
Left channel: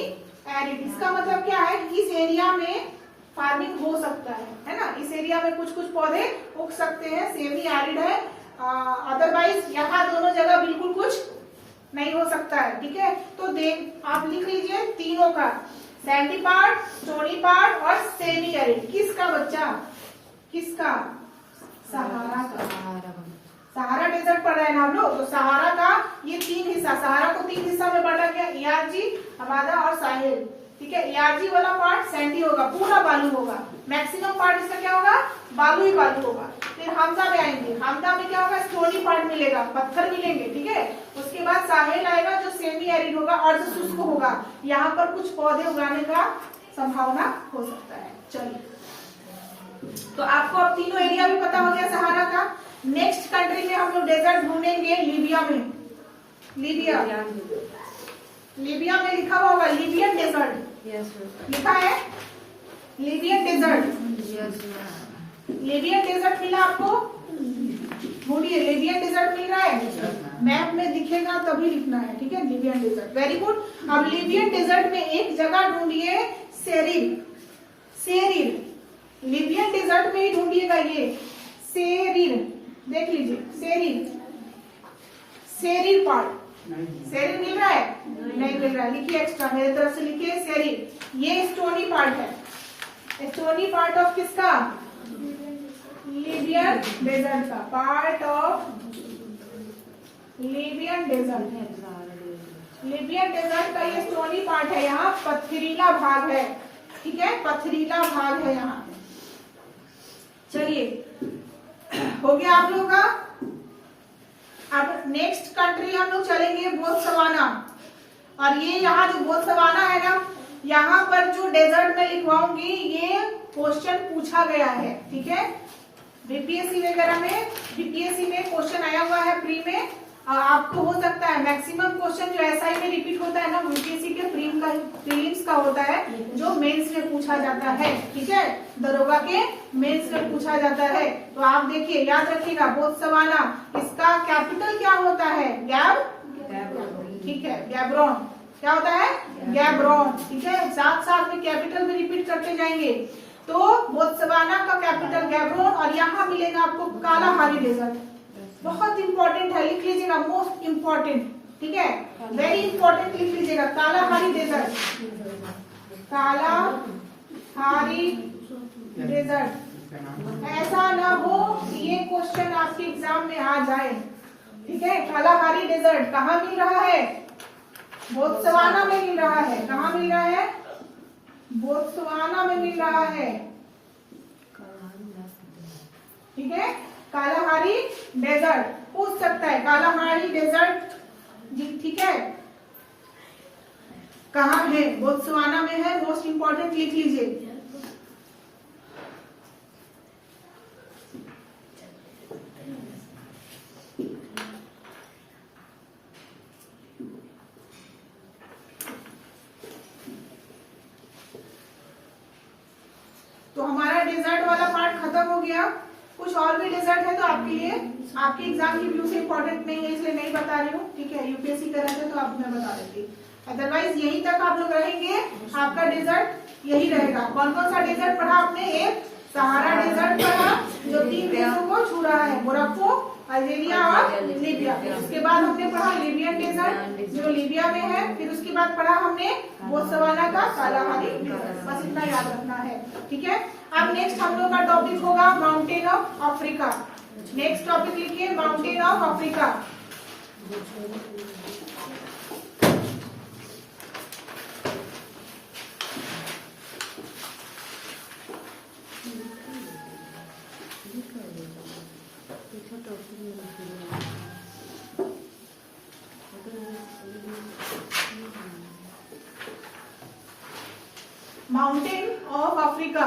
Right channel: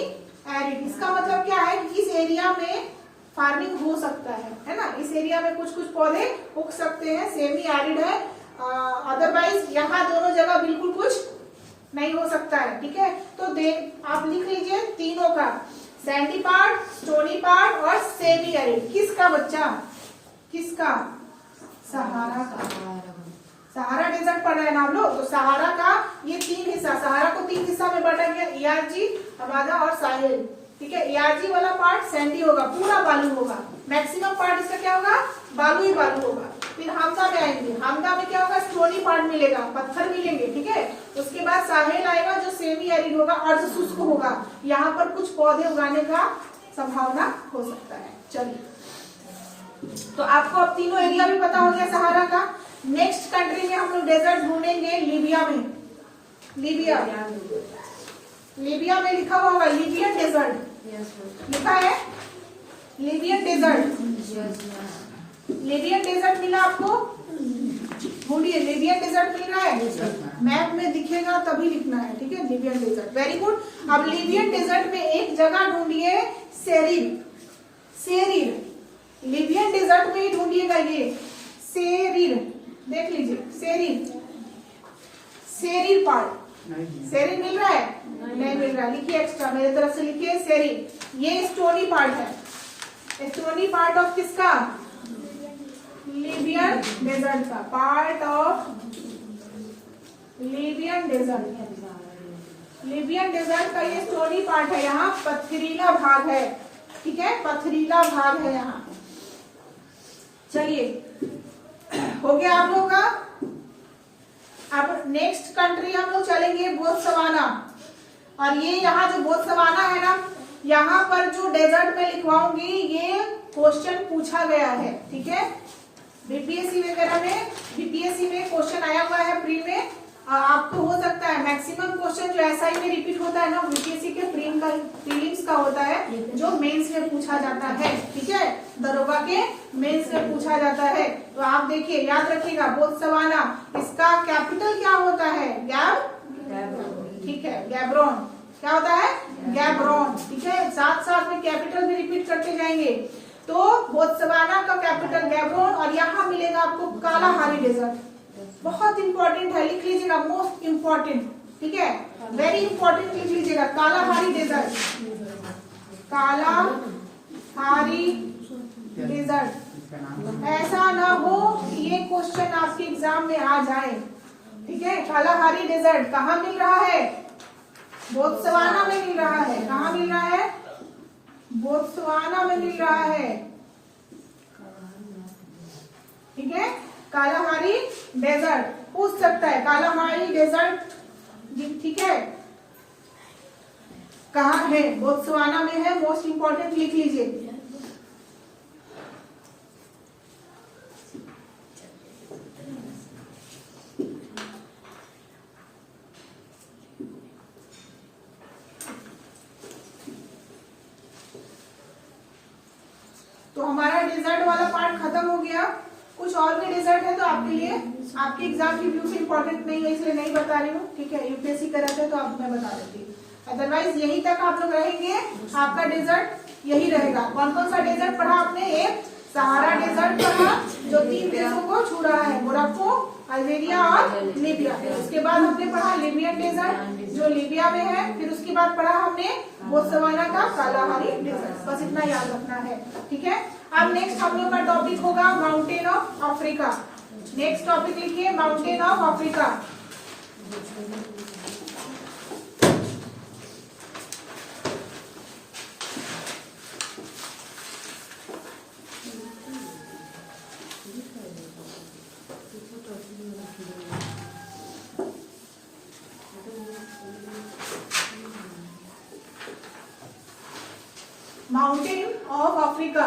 एरिड, इसका मतलब क्या है, इस एरिया में फार्मिंग हो सकता है ना, इस एरिया में कुछ कुछ पौधे उग सकते हैं, सेमी एरिड है, अदरवाइज यहाँ दोनों जगह बिल्कुल कुछ नहीं हो सकता है, ठीक है। तो देख आप लिख लीजिए तीनों का, सैंडी पार्ट, स्टोनी पार्ट और सेमी एरिड, किसका बच्चा, किसका, सहारा का, सहारा डेजर्ट पढ़ रहे हैं ना हम लोग, तो सहारा का ये 3 हिस्सा, सहारा को 3 हिस्सा में बांटा गया, ERG, हमादा और साहेल, ठीक है। ERG वाला पार्ट सैंडी होगा, पूरा बालू होगा, मैक्सिमम पार्ट इसका क्या होगा, बालू ही बालू होगा। फिर हमदा में आएंगे, हमदा में क्या होगा, स्टोनी पार्ट मिलेगा, पत्थर मिलेंगे, ठीक है। उसके बाद साहेल आएगा जो सेमी एरिड होगा और जो शुष्क होगा, यहाँ पर कुछ पौधे उगाने का संभावना हो सकता है। चलिए, तो आपको अब तीनों एरिया भी पता हो गया सहारा का। नेक्स्ट कंट्री में हम लोग डेजर्ट ढूंढेंगे, लीबिया में, लीबिया, लीबिया में लिखा हुआ होगा लीबियन डेजर्ट, लिखा है लीबियन डेजर्ट, लीबियन डेजर्ट मिला आपको, ढूंढिए, लीबियन डेजर्ट मिल रहा है, मैप में दिखेगा तभी लिखना है, ठीक है, लीबियन डेजर्ट, वेरी गुड। अब लीबियन डेजर्ट में एक जगह ढूंढिए, सेरिर, सेरिर, लीबियन डेजर्ट में ही ढूंढिएगा, ये सेरिर, देख लीजिए, सेरिर, सेरिर पार्ट, सेरिर मिल रहा है, नहीं मिल रहा है, लिखिए एक्स्ट्रा मेरी तरफ से लिखिए सेरिर, ये स्टोनी पार्ट है, स्टोनी पार्ट ऑफ किसका, लीबियन डेजर्ट का, part of Libyan desert, Libyan desert का ये स्टोनी पार्ट है, यहाँ पथरीला भाग है, ठीक है, पथरीला भाग है यहाँ। चलिए, हो गया आप लोग का। अब नेक्स्ट कंट्री हम लोग चलेंगे बोत्सवाना, और ये यहाँ जो बोत्सवाना है ना, यहाँ पर जो डेजर्ट में लिखवाऊंगी ये क्वेश्चन पूछा गया है, ठीक है, बीपीएससी वगैरह में, बीपीएससी में क्वेश्चन आया हुआ है प्री में, आपको हो सकता है मैक्सिमम क्वेश्चन जो एसआई में रिपीट होता है ना, बीपीएससी के प्रीलिम्स का होता है, जो मेंस में पूछा जाता है, ठीक है, दरोगा के मेंस में पूछा जाता है। तो आप देखिए, याद रखिएगा, बोत्सवाना, इसका कैपिटल क्या होता है, ठीक है, गैब्रोन, क्या होता है, गैब्रोन, ठीक है, साथ साथ में कैपिटल भी रिपीट करते जाएंगे। तो बोत्सवाना का कैपिटल गैब्रोन, और यहाँ मिलेगा आपको कालाहारी डेजर्ट, बहुत इंपॉर्टेंट है, लिख लीजिएगा, मोस्ट इंपॉर्टेंट, ठीक है, वेरी इंपॉर्टेंट लिख लीजिएगा, कालाहारी डेजर्ट, कालाहारी डेजर्ट। ऐसा ना हो ये क्वेश्चन आपके एग्जाम में आ जाए, ठीक है। कालाहारी डेजर्ट कहाँ मिल रहा है? बोत्सवाना में मिल रहा है। कहाँ मिल रहा है? बोत्सवाना में मिल रहा है, ठीक है। कालाहारी डेजर्ट पूछ सकता है, कालाहारी डेजर्ट, ठीक है, कहाँ है? बोत्सवाना में है, मोस्ट इंपॉर्टेंट लिख लीजिए। तो हमारा डेजर्ट वाला पार्ट खत्म हो गया। कुछ और भी डेजर्ट है तो आपके लिए, आपके एग्जाम की व्यू से इंपॉर्टेंट नहीं है इसलिए नहीं बता रही हूँ, ठीक है। यूपीएससी का रहता है तो आप मैं बता देती, अदरवाइज यहीं तक आप लोग रहेंगे, आपका डेजर्ट यही रहेगा। कौन कौन सा डेजर्ट पढ़ा आपने? एक सहारा डेजर्ट पढ़ा जो 3 देशों को छू रहा है, मोरक्को, अल्जीरिया और लीबिया। उसके बाद हमने पढ़ा लीबियन डेजर्ट जो लीबिया में है। फिर उसके बाद पढ़ा हमने बोत्सवाना का कालाहारी डेजर्ट। बस इतना याद रखना है, ठीक है। अब नेक्स्ट हम लोग का टॉपिक होगा mountain of Africa. Next topic लिखिए, mountain of Africa. Mountain of Africa.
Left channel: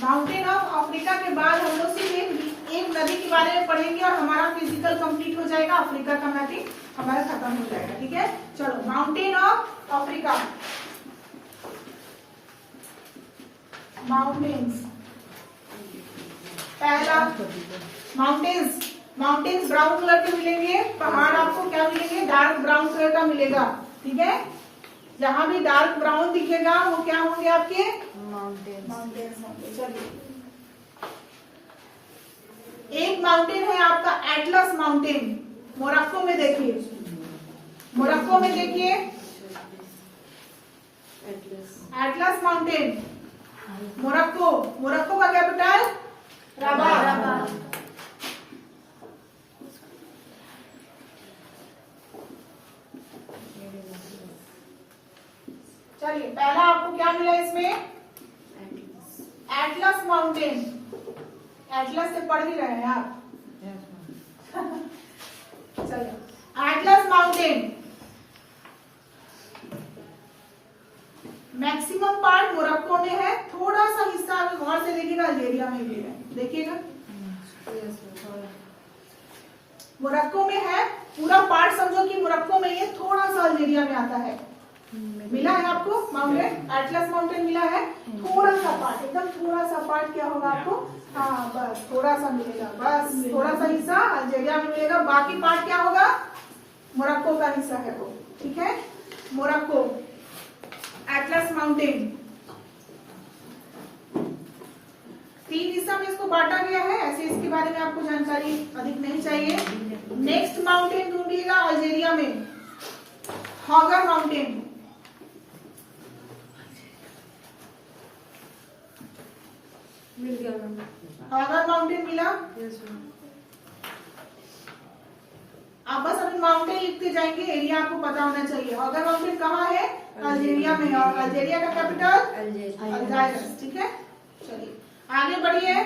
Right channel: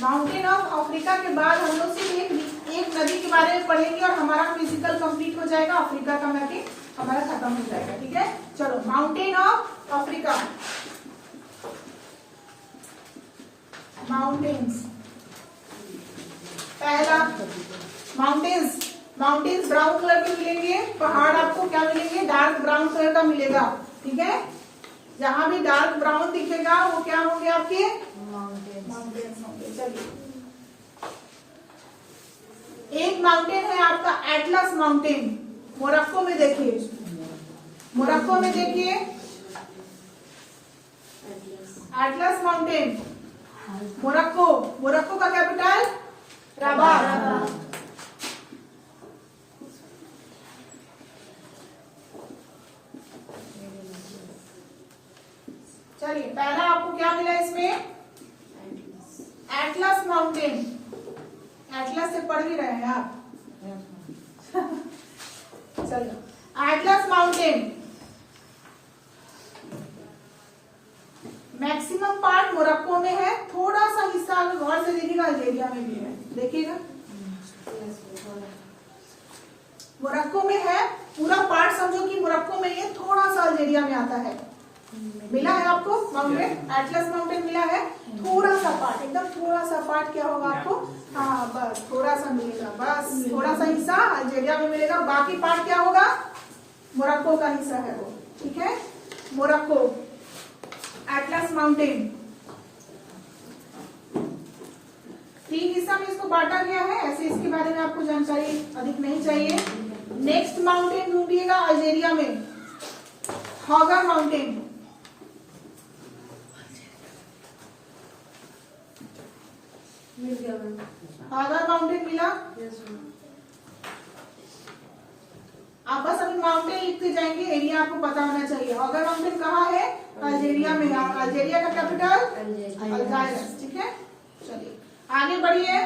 Mountain of Africa के बाद हम लोग सिर्फ एक नदी के बारे में पढ़ेंगे और हमारा फिजिकल कंप्लीट हो जाएगा, अफ्रीका का मैपिंग हमारा खत्म हो जाएगा, ठीक है। चलो, माउंटेन ऑफ अफ्रीका। माउंटेन्स, पहला माउंटेन्स, माउंटेन्स ब्राउन कलर के मिलेंगे, पहाड़ आपको क्या मिलेंगे? डार्क ब्राउन कलर का मिलेगा, ठीक है। जहां भी डार्क ब्राउन दिखेगा वो क्या होंगे? आपके माउंटेन्स होंगे। चलिए, एक माउंटेन है आपका एटलस माउंटेन, मोरक्को में देखिए, मोरक्को में देखिए एटलस माउंटेन, मोरक्को। मोरक्को का कैपिटल रबात। चलिए, पहला आपको क्या मिला इसमें? Atlas mountain. एटलस से पढ़ ही रहे हैं आप। चलो, Atlas mountain maximum part Morocco में है, थोड़ा सा हिस्सा अगर गौर से देखिएगा अल्जीरिया में भी है, देखिएगा मोरक्को में है, पूरा पार्ट समझो कि मोरक्को में ये, थोड़ा सा अल्जीरिया में आता है। मिला है आपको माउंटेन, एटलस माउंटेन मिला है, थोड़ा सा पार्ट, एकदम थोड़ा सा पार्ट क्या होगा आपको? हाँ, बस थोड़ा सा मिलेगा, बस थोड़ा सा हिस्सा अल्जीरिया में मिलेगा, बाकी पार्ट क्या होगा? मोरक्को का हिस्सा है वो, ठीक है। मोरक्को, एटलस माउंटेन, 3 हिस्सा में इसको बांटा गया है, ऐसे इसके बारे में आपको जानकारी अधिक नहीं चाहिए। नेक्स्ट माउंटेन ढूंढिएगा अल्जीरिया में, हॉगर माउंटेन। मिल गया मैम। हॉगर माउंटेन मिला। Yes ma'am. आप बस अभी माउंटेन लिखते जाएंगे, एरिया आपको पता होना चाहिए। हॉगर माउंटेन कहाँ है? अल्जीरिया में। अल्जीरिया का कैपिटल अल्जायर्स, ठीक है। चलिए आगे बढ़िए।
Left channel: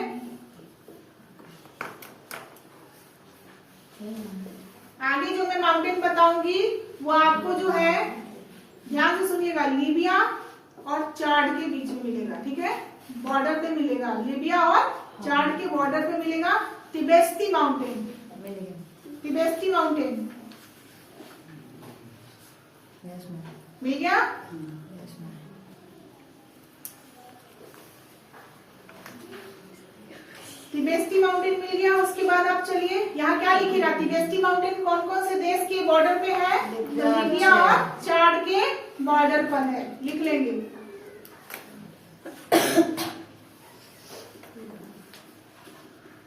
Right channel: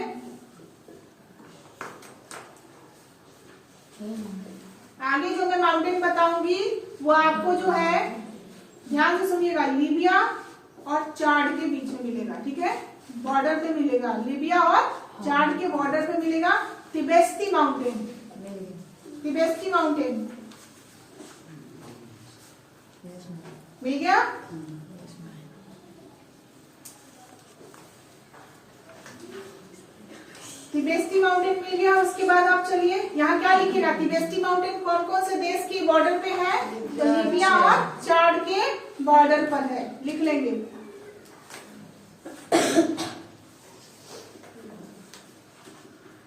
आगे जो मैं माउंटेन बताऊंगी वो आपको जो है, ध्यान से सुनिएगा, लीबिया और चाड के बीच में मिलेगा, ठीक है। बॉर्डर पे मिलेगा, लीबिया और चाड के बॉर्डर पे मिलेगा। तिबेस्ती माउंटेन, तिबेस्ती माउंटेन मिल गया। तिबेस्ती माउंटेन मिल गया। उसके बाद आप चलिए, यहाँ क्या लिखेगा? तिबेस्ती माउंटेन कौन कौन से देश के बॉर्डर पे है? तो लीबिया और चाड के बॉर्डर पर है, लिख लेंगे।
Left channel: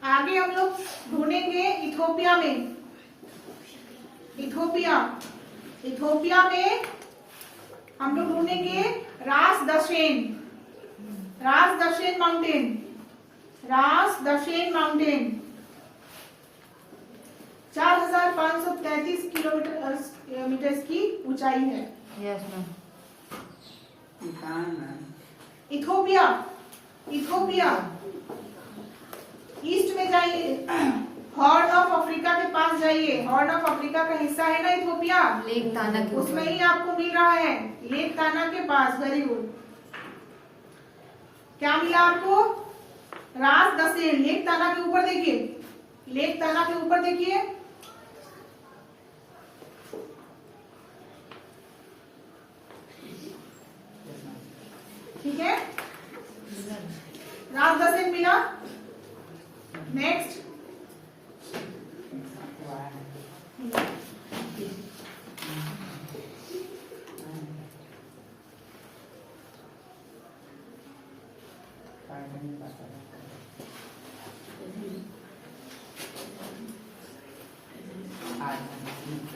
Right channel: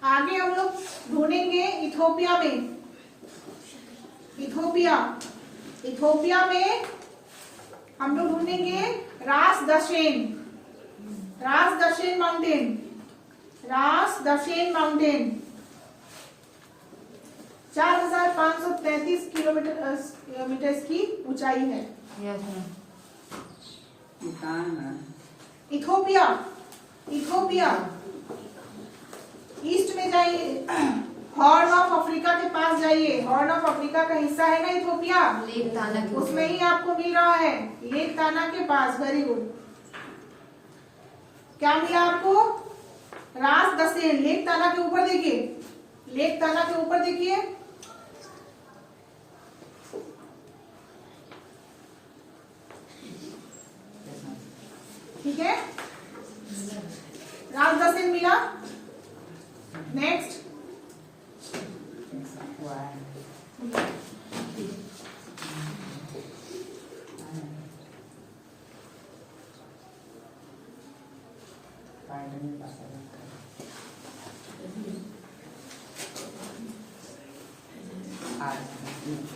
आगे हम लोग ढूंढेंगे इथोपिया में, इथोपिया इथोपिया में हम लोग ढूंढेंगे रास दशेन माउंटेन, रास दशेन माउंटेन 4533 किलोमीटर की ऊंचाई है। Yes ma'am. कहाँ है? इथोपिया ईस्ट में जाइए, हॉर्न ऑफ अफ्रीका के पास जाइए। हॉर्न ऑफ अफ्रीका का हिस्सा है ना इथोपिया, लेक ताना के उसमें ही आपको मिल रहा है, लेक ताना के पास। Very good. क्या मिला आपको? रास दशेन। लेक ताना के ऊपर देखिए, लेक ताना के ऊपर देखिए, ठीक है, रास दशेन मिला। नेक्स्ट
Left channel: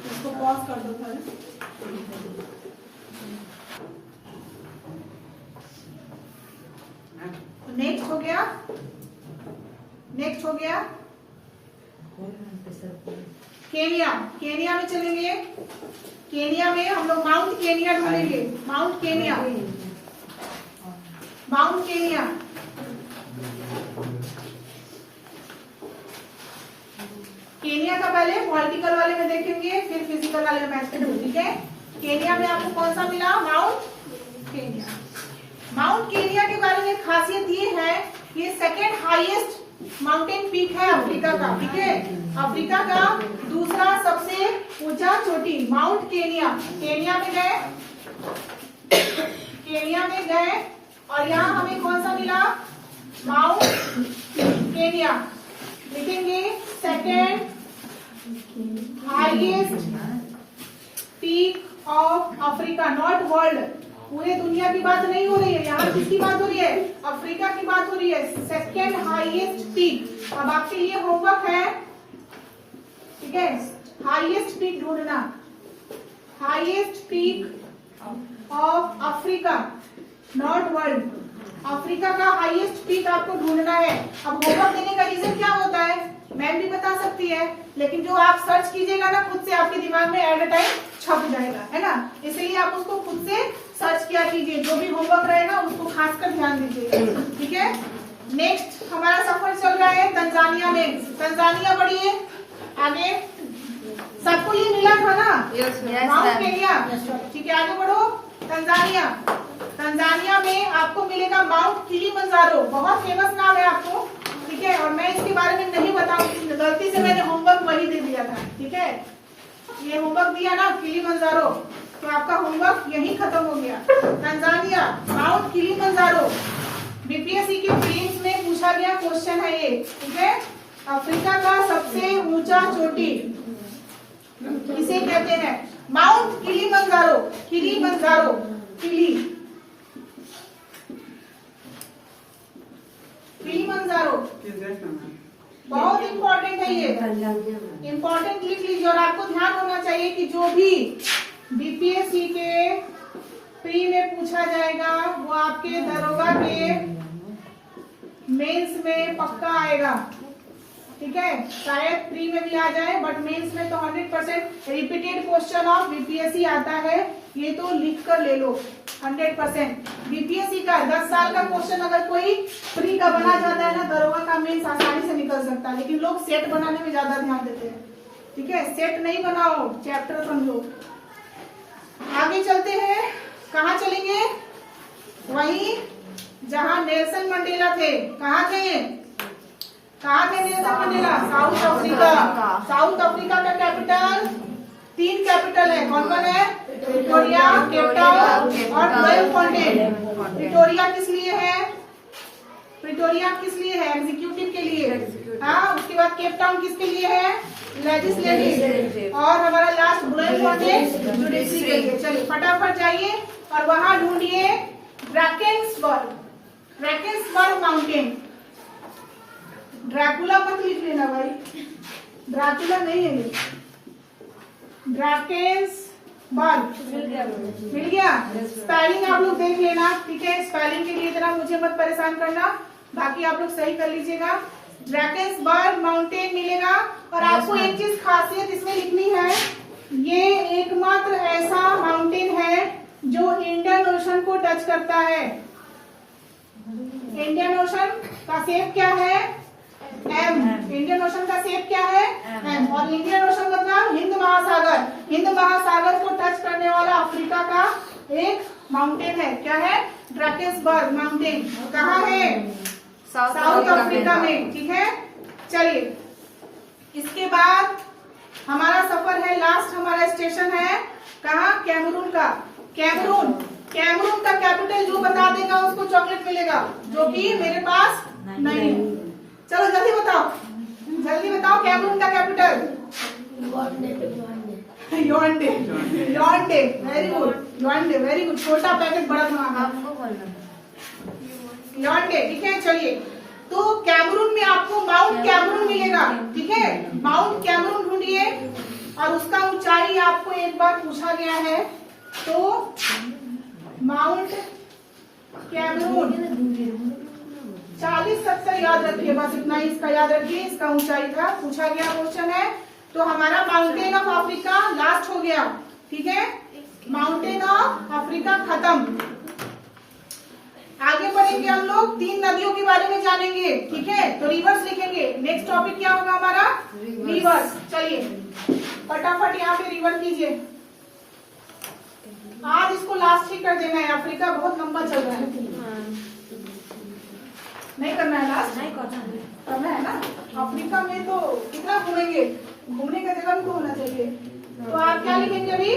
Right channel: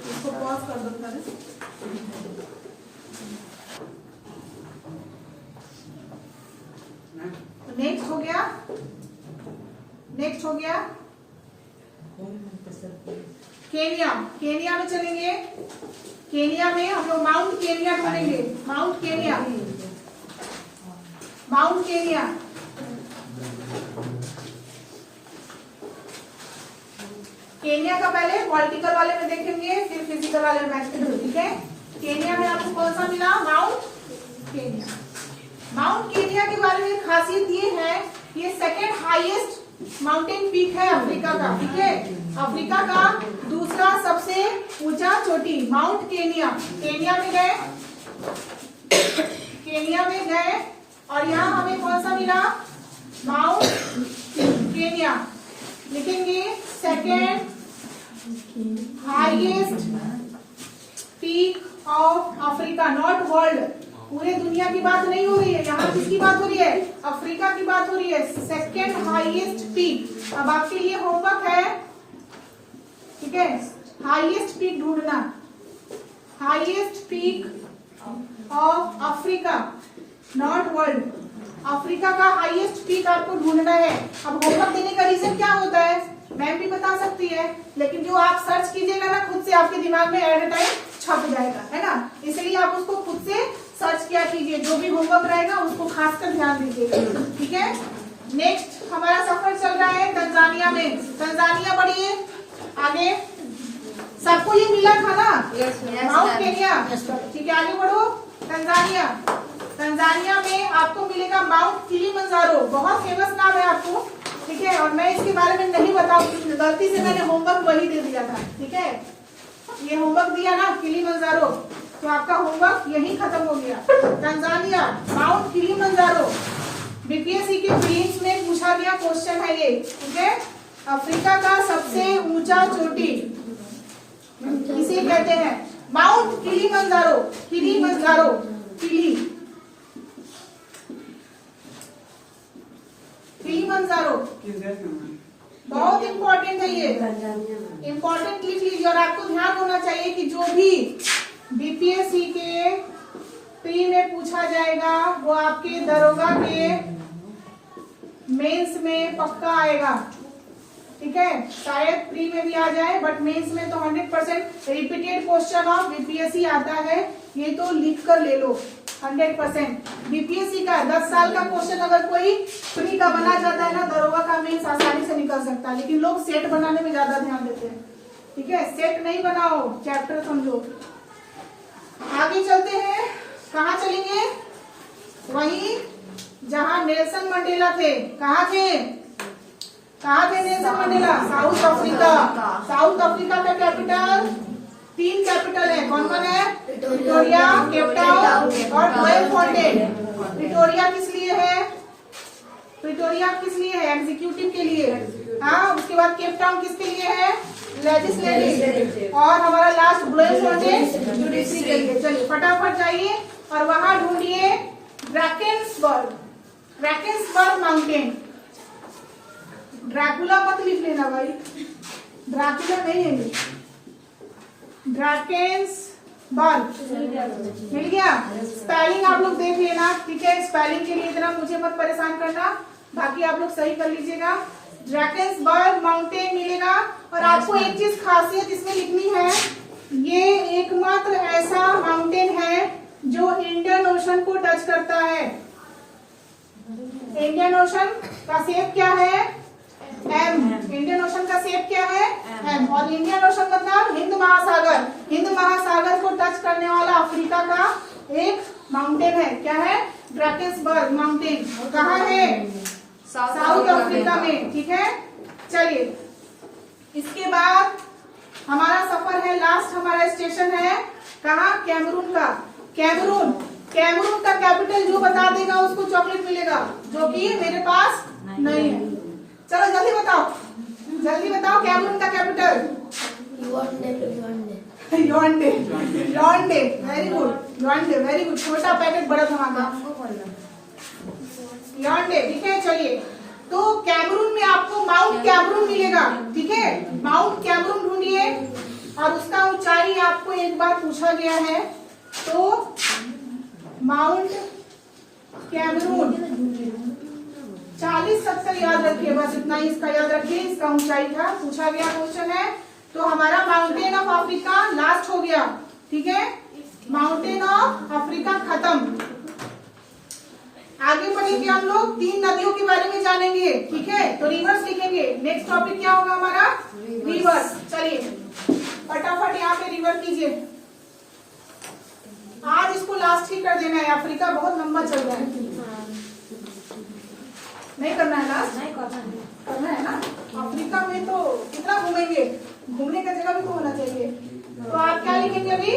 इसको पॉज कर दो थोड़ा। नेक्स्ट हो गया, नेक्स्ट हो गया केनिया। केनिया में चलेंगे, केनिया में हम लोग माउंट केनिया ढूंढेंगे। Mount Kenya, mount Kenya. Kenya का पहले पॉलिटिकल वाले में देखेंगे, फिर फिजिकल वाले में मैच करेंगे, ठीक है। केनिया में आपको कौन सा मिला? Mount Kenya. माउंट केनिया के बारे में खासियत ये है, ये सेकेंड हाईएस्ट माउंटेन पीक है अफ्रीका का, ठीक है। अफ्रीका का दूसरा सबसे ऊंचा चोटी माउंट केनिया। केनिया में गए, केनिया में गए और यहाँ हमें कौन सा मिला? Mount Kenya. लिखेंगे second highest peak of Africa, not world. पूरे दुनिया की बात नहीं हो रही है, यहाँ किसकी बात हो रही है? अफ्रीका की बात हो रही है। Second highest peak. अब आपके लिए होमवर्क है, ठीक है, हाईएस्ट पीक ढूंढना। Highest peak of Africa, not world. Africa का हाईएस्ट पीक आपको ढूंढना है। अब होमवर्क देने का रीजन क्या होता है, मैम भी बता सकती है, लेकिन जो आप सर्च कीजिएगा ना खुद से, आपके दिमाग में एट अ टाइम छप जाएगा, है ना। इसलिए आप उसको खुद से सर्च किया कीजिए। जो भी होमवर्क रहेगा उसको खासकर ध्यान दीजिएगा, ठीक है। नेक्स्ट हमारा सफर चल रहा है तंजानिया में। तंजानिया बढ़िए आगे। सबको ये मिला था ना, माउंट केनिया, ठीक है। आगे बढ़ो। तंजानिया, तंजानिया में आपको मिलेगा माउंट किलिमंजारो। बहुत फेमस नाम है आपको, ठीक है। और मैं इसके बारे में नहीं बताऊंगी, गलती से मैंने होमवर्क वही दे दिया था, ठीक है। ये होमवर्क दिया ना किलिमंजारो, तो आपका होमवर्क यही खत्म हो गया। तंजानिया, माउंट किलिमंजारो, बीपीएससी के प्रीलिम्स में पूछा गया क्वेश्चन है ये, ठीक है। अफ्रीका का सबसे ऊंचा चोटी इसे कहते हैं माउंट किलिमंजारो। किलिमंजारो, किलिमंजारो बहुत इंपॉर्टेंट है ये, इंपॉर्टेंट लिख लीजिए। और आपको ध्यान होना चाहिए कि जो भी बीपीएससी के प्री में पूछा जाएगा वो आपके दरोगा के मेंस में पक्का आएगा, ठीक है। शायद प्री में भी आ जाए, बट मेंस में तो 100% रिपीटेड क्वेश्चन ऑफ बीपीएससी आता है। ये तो लिख कर ले लो 100%। बीपीएससी का 10 साल का क्वेश्चन अगर कोई प्री का बना जाता है ना, दरोगा का मेंस आसानी से निकल सकता है। लेकिन लोग सेट बनाने में ज्यादा ध्यान देते हैं, ठीक है। सेट नहीं बनाओ, चैप्टर समझो। आगे चलते हैं, कहाँ चलेंगे? वही जहाँ नेल्सन मंडेला थे। कहाँ थे? कहाँ थे Nelson Mandela? South Africa. South Africa का कैपिटल, 3 कैपिटल है, कौन कौन है? प्रिटोरिया, केप टाउन और ब्लोemfontein। प्रिटोरिया किस लिए है? प्रिटोरिया किस लिए है? एग्जीक्यूटिव के लिए। हाँ, उसके बाद केप टाउन किसके लिए है? लेजिस्लेटिव। और हमारा लास्ट ब्लोemfontein जुडिशरी के लिए। चलिए फटाफट जाइए और वहां ढूंढिए ड्रैकेंसबर्ग, ड्रैकेंसबर्ग माउंटेन। ड्रैकुला मत लिख लेना भाई, ड्रैकुला नहीं है ये, ड्रैकेंसबर्ग बर्ग मिल गया मैम। मिल गया। स्पेलिंग आप लोग देख लेना, ठीक है। स्पेलिंग के लिए इतना मुझे मत परेशान करना, बाकी आप लोग सही कर लीजिएगा। ड्रैकेंसबर्ग माउंटेन मिलेगा। और आपको एक चीज खासियत इसमें लिखनी है, ये एकमात्र ऐसा माउंटेन है जो इंडियन ओशन को टच करता है। इंडियन ओशन का शेप क्या है? एम। इंडियन ओशन का शेप क्या है? एम। और इंडियन ओशन मतलब हिंद महासागर, हिंद महासागर को टच करने वाला अफ्रीका का एक माउंटेन है। क्या है? Drakensberg mountain. कहाँ है? साउथ अफ्रीका में, ठीक है। चलिए, इसके बाद हमारा सफर है, लास्ट हमारा स्टेशन है कहाँ? कैमरून का। कैमरून, कैमरून का कैपिटल जो बता देगा उसको चॉकलेट मिलेगा, जो कि मेरे पास नहीं है। चलो जल्दी बताओ, जल्दी बताओ कैमरून का capital. Yaounde. Yaounde, very good. Yaounde, very good. छोटा पैकेट बड़ा धमाका। योंडे, ठीक है। चलिए, तो कैमरून में आपको माउंट कैमरून मिलेगा, ठीक है। माउंट कैमरून ढूंढिए और उसका ऊंचाई आपको एक बार पूछा गया है, तो माउंट कैमरून 40-70 याद रखिए, बस इतना ही इसका याद रखिए। इसका ऊंचाई था, पूछा गया क्वेश्चन है। तो हमारा माउंटेन ऑफ अफ्रीका लास्ट हो गया, ठीक है। माउंटेन ऑफ अफ्रीका खत्म। आगे बढ़ेंगे हम लोग, 3 नदियों के बारे में जानेंगे, ठीक है। तो रिवर्स लिखेंगे। नेक्स्ट टॉपिक क्या होगा हमारा? रिवर्स। चलिए फटाफट यहाँ पे रिवर कीजिए। आज इसको लास्ट ही कर देना है, अफ्रीका बहुत लंबा चल रहा है। नहीं करना है लास्ट? नहीं करना है ना। अफ्रीका में तो कितना घूमेंगे, घूमने का जगह भी तो होना चाहिए। तो आप क्या लिखेंगे अभी?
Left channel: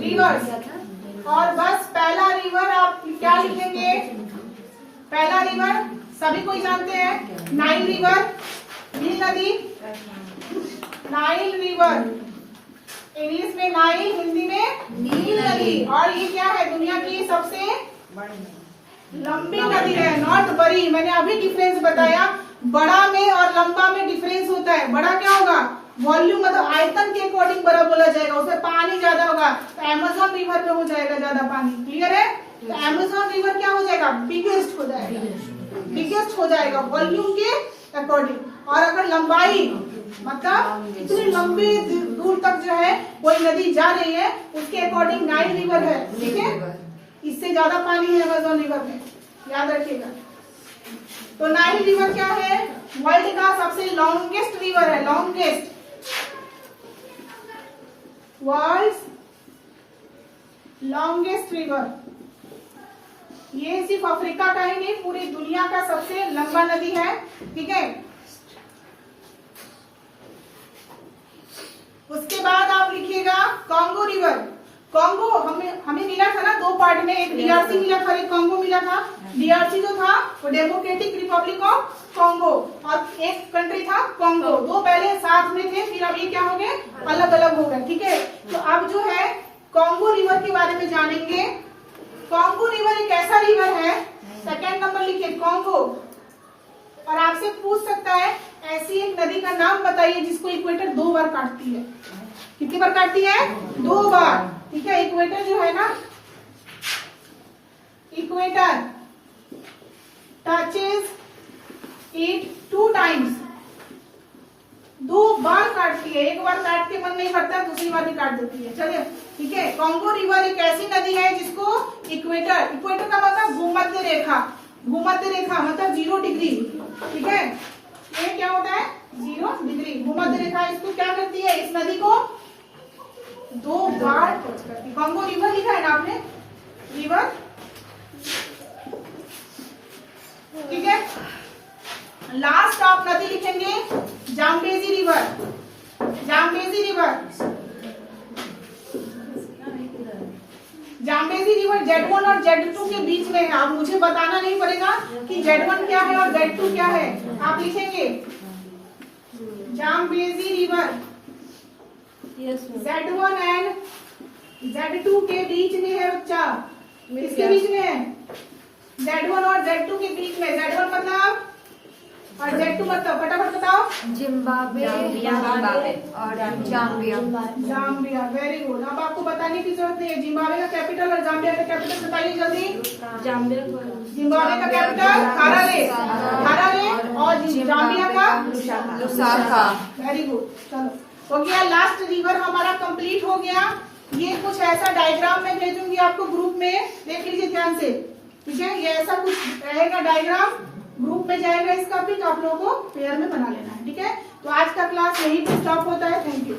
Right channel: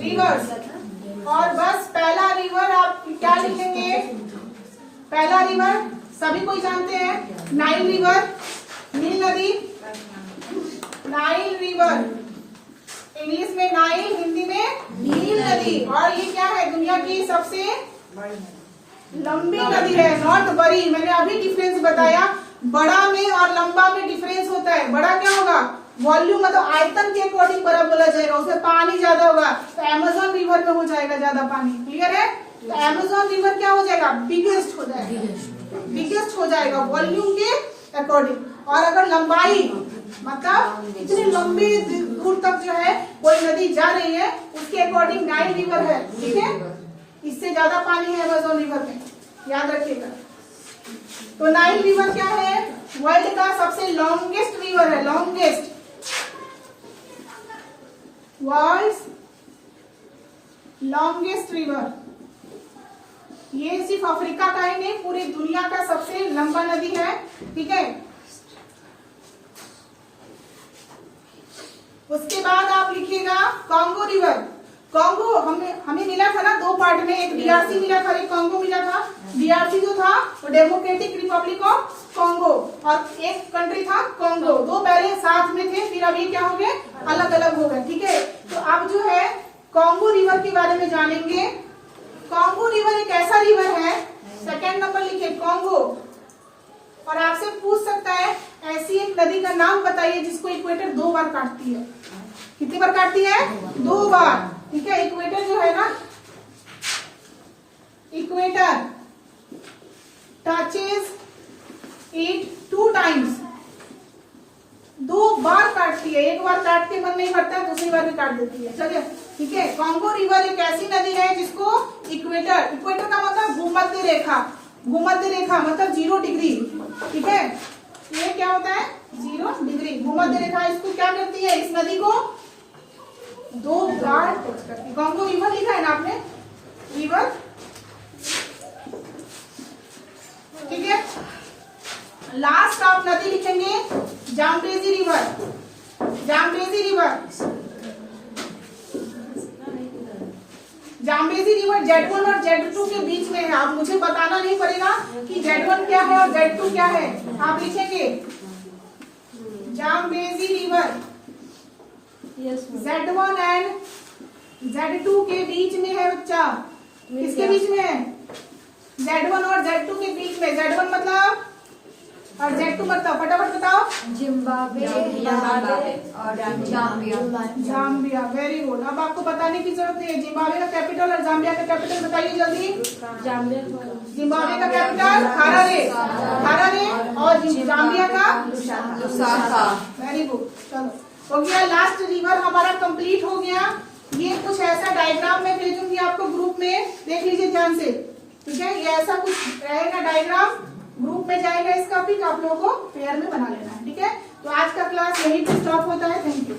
रिवर्स। और बस पहला रिवर आप क्या लिखेंगे? पहला रिवर सभी कोई जानते हैं, नाइल रिवर, नील नदी। नाइल रिवर, इंग्लिश में नाइल, हिंदी में नील नदी। और ये क्या है? दुनिया की सबसे लंबी नदी है, नॉट बड़ी। मैंने अभी डिफरेंस बताया, बड़ा में और लंबा में डिफरेंस होता है। बड़ा क्या होगा? वॉल्यूम, मतलब आयतन के अकॉर्डिंग बड़ा बोला जाएगा, उसमें पानी ज्यादा होगा। तो अमेजोन रिवर में हो जाएगा ज्यादा पानी, क्लियर है। तो अमेजोन रिवर क्या हो जाएगा? बिगेस्ट हो जाएगा, बिगेस्ट हो जाएगा वॉल्यूम के अकॉर्डिंग। और अगर लंबाई, मतलब इतनी लंबी दूर तक जो है कोई नदी जा रही है, उसके अकॉर्डिंग नाइल रिवर है, ठीक है। इससे ज्यादा पानी है अमेजोन रिवर में, याद रखिएगा। तो नाइल रिवर क्या है? वर्ल्ड का सबसे लॉन्गेस्ट रिवर है, लॉन्गेस्ट, वर्ल्ड लॉन्गेस्ट रिवर। ये सिर्फ अफ्रीका का ही नहीं, पूरी दुनिया का सबसे लंबा नदी है, ठीक है। उसके बाद आप लिखिएगा कॉन्गो रिवर। कॉन्गो हमें मिला था ना 2 पार्ट में, एक डीआरसी मिला था, एक कॉन्गो मिला था। डीआरसी जो था वो डेमोक्रेटिक रिपब्लिक ऑफ कॉन्गो, और एक कंट्री था कॉन्गो। 2 पहले साथ में थे, फिर अभी क्या हो गए? अलग अलग हो गए, ठीक है। तो अब जो है कॉन्गो रिवर के बारे में जानेंगे। कॉन्गो रिवर एक ऐसा रिवर है, सेकेंड नंबर लिखे कॉन्गो। और आपसे पूछ सकता है ऐसी एक नदी का नाम बताइए जिसको इक्वेटर 2 बार काटती है। कितनी बार काटती है? 2 बार, ठीक है। इक्वेटर जो है ना, इक्वेटर टचेस इट 2 टाइम्स, 2 बार काटती है। एक बार काट के मन नहीं भरता, दूसरी बार भी काट देती है। चलिए, ठीक है। कॉन्गो रिवर एक ऐसी नदी है जिसको इक्वेटर, इक्वेटर का मतलब भूमध्य रेखा, भूमध्य रेखा मतलब 0 डिग्री, ठीक है। ये क्या होता है? 0 डिग्री भूमध्य रेखा। इसको क्या करती है? इस नदी को 2 बार टच करती है। कॉन्गो रिवर लिखा है ना आपने, रिवर, ठीक है। लास्ट आप नदी लिखेंगे Zambezi river. Zambezi river, Zambezi river Z1 और Z2 के बीच में है। अब मुझे बताना नहीं पड़ेगा कि Z1 क्या है और Z2 क्या है। आप लिखेंगे Zambezi river Z1 and Z2 के बीच में है बच्चा। किसके बीच में है? Z1 और Z2 के बीच में। Z1 मतलब और Z2 मतलब फटाफट बताओ। जिम्बाब्वे और जाम्बिया। Zambia, very good. अब आपको बताने की जरूरत नहीं है, जिम्बाब्वे का कैपिटल और जाम्बिया का कैपिटल बताइए जल्दी। जिम्बाब्वे का कैपिटल हरारे और जाम्बिया का लुसाका। वेरी गुड, चलो हो गया। लास्ट रिवर हमारा कंप्लीट हो गया। ये कुछ ऐसा डायग्राम मैं भेजूंगी आपको ग्रुप में, देख लीजिए ध्यान से, ठीक है। ये ऐसा कुछ रहेगा डायग्राम, ग्रुप में जाएगा इसका, फिर आप लोगों को पेयर में बना लेना है, ठीक है। तो आज का क्लास यहीं पे स्टॉप होता है। Thank you.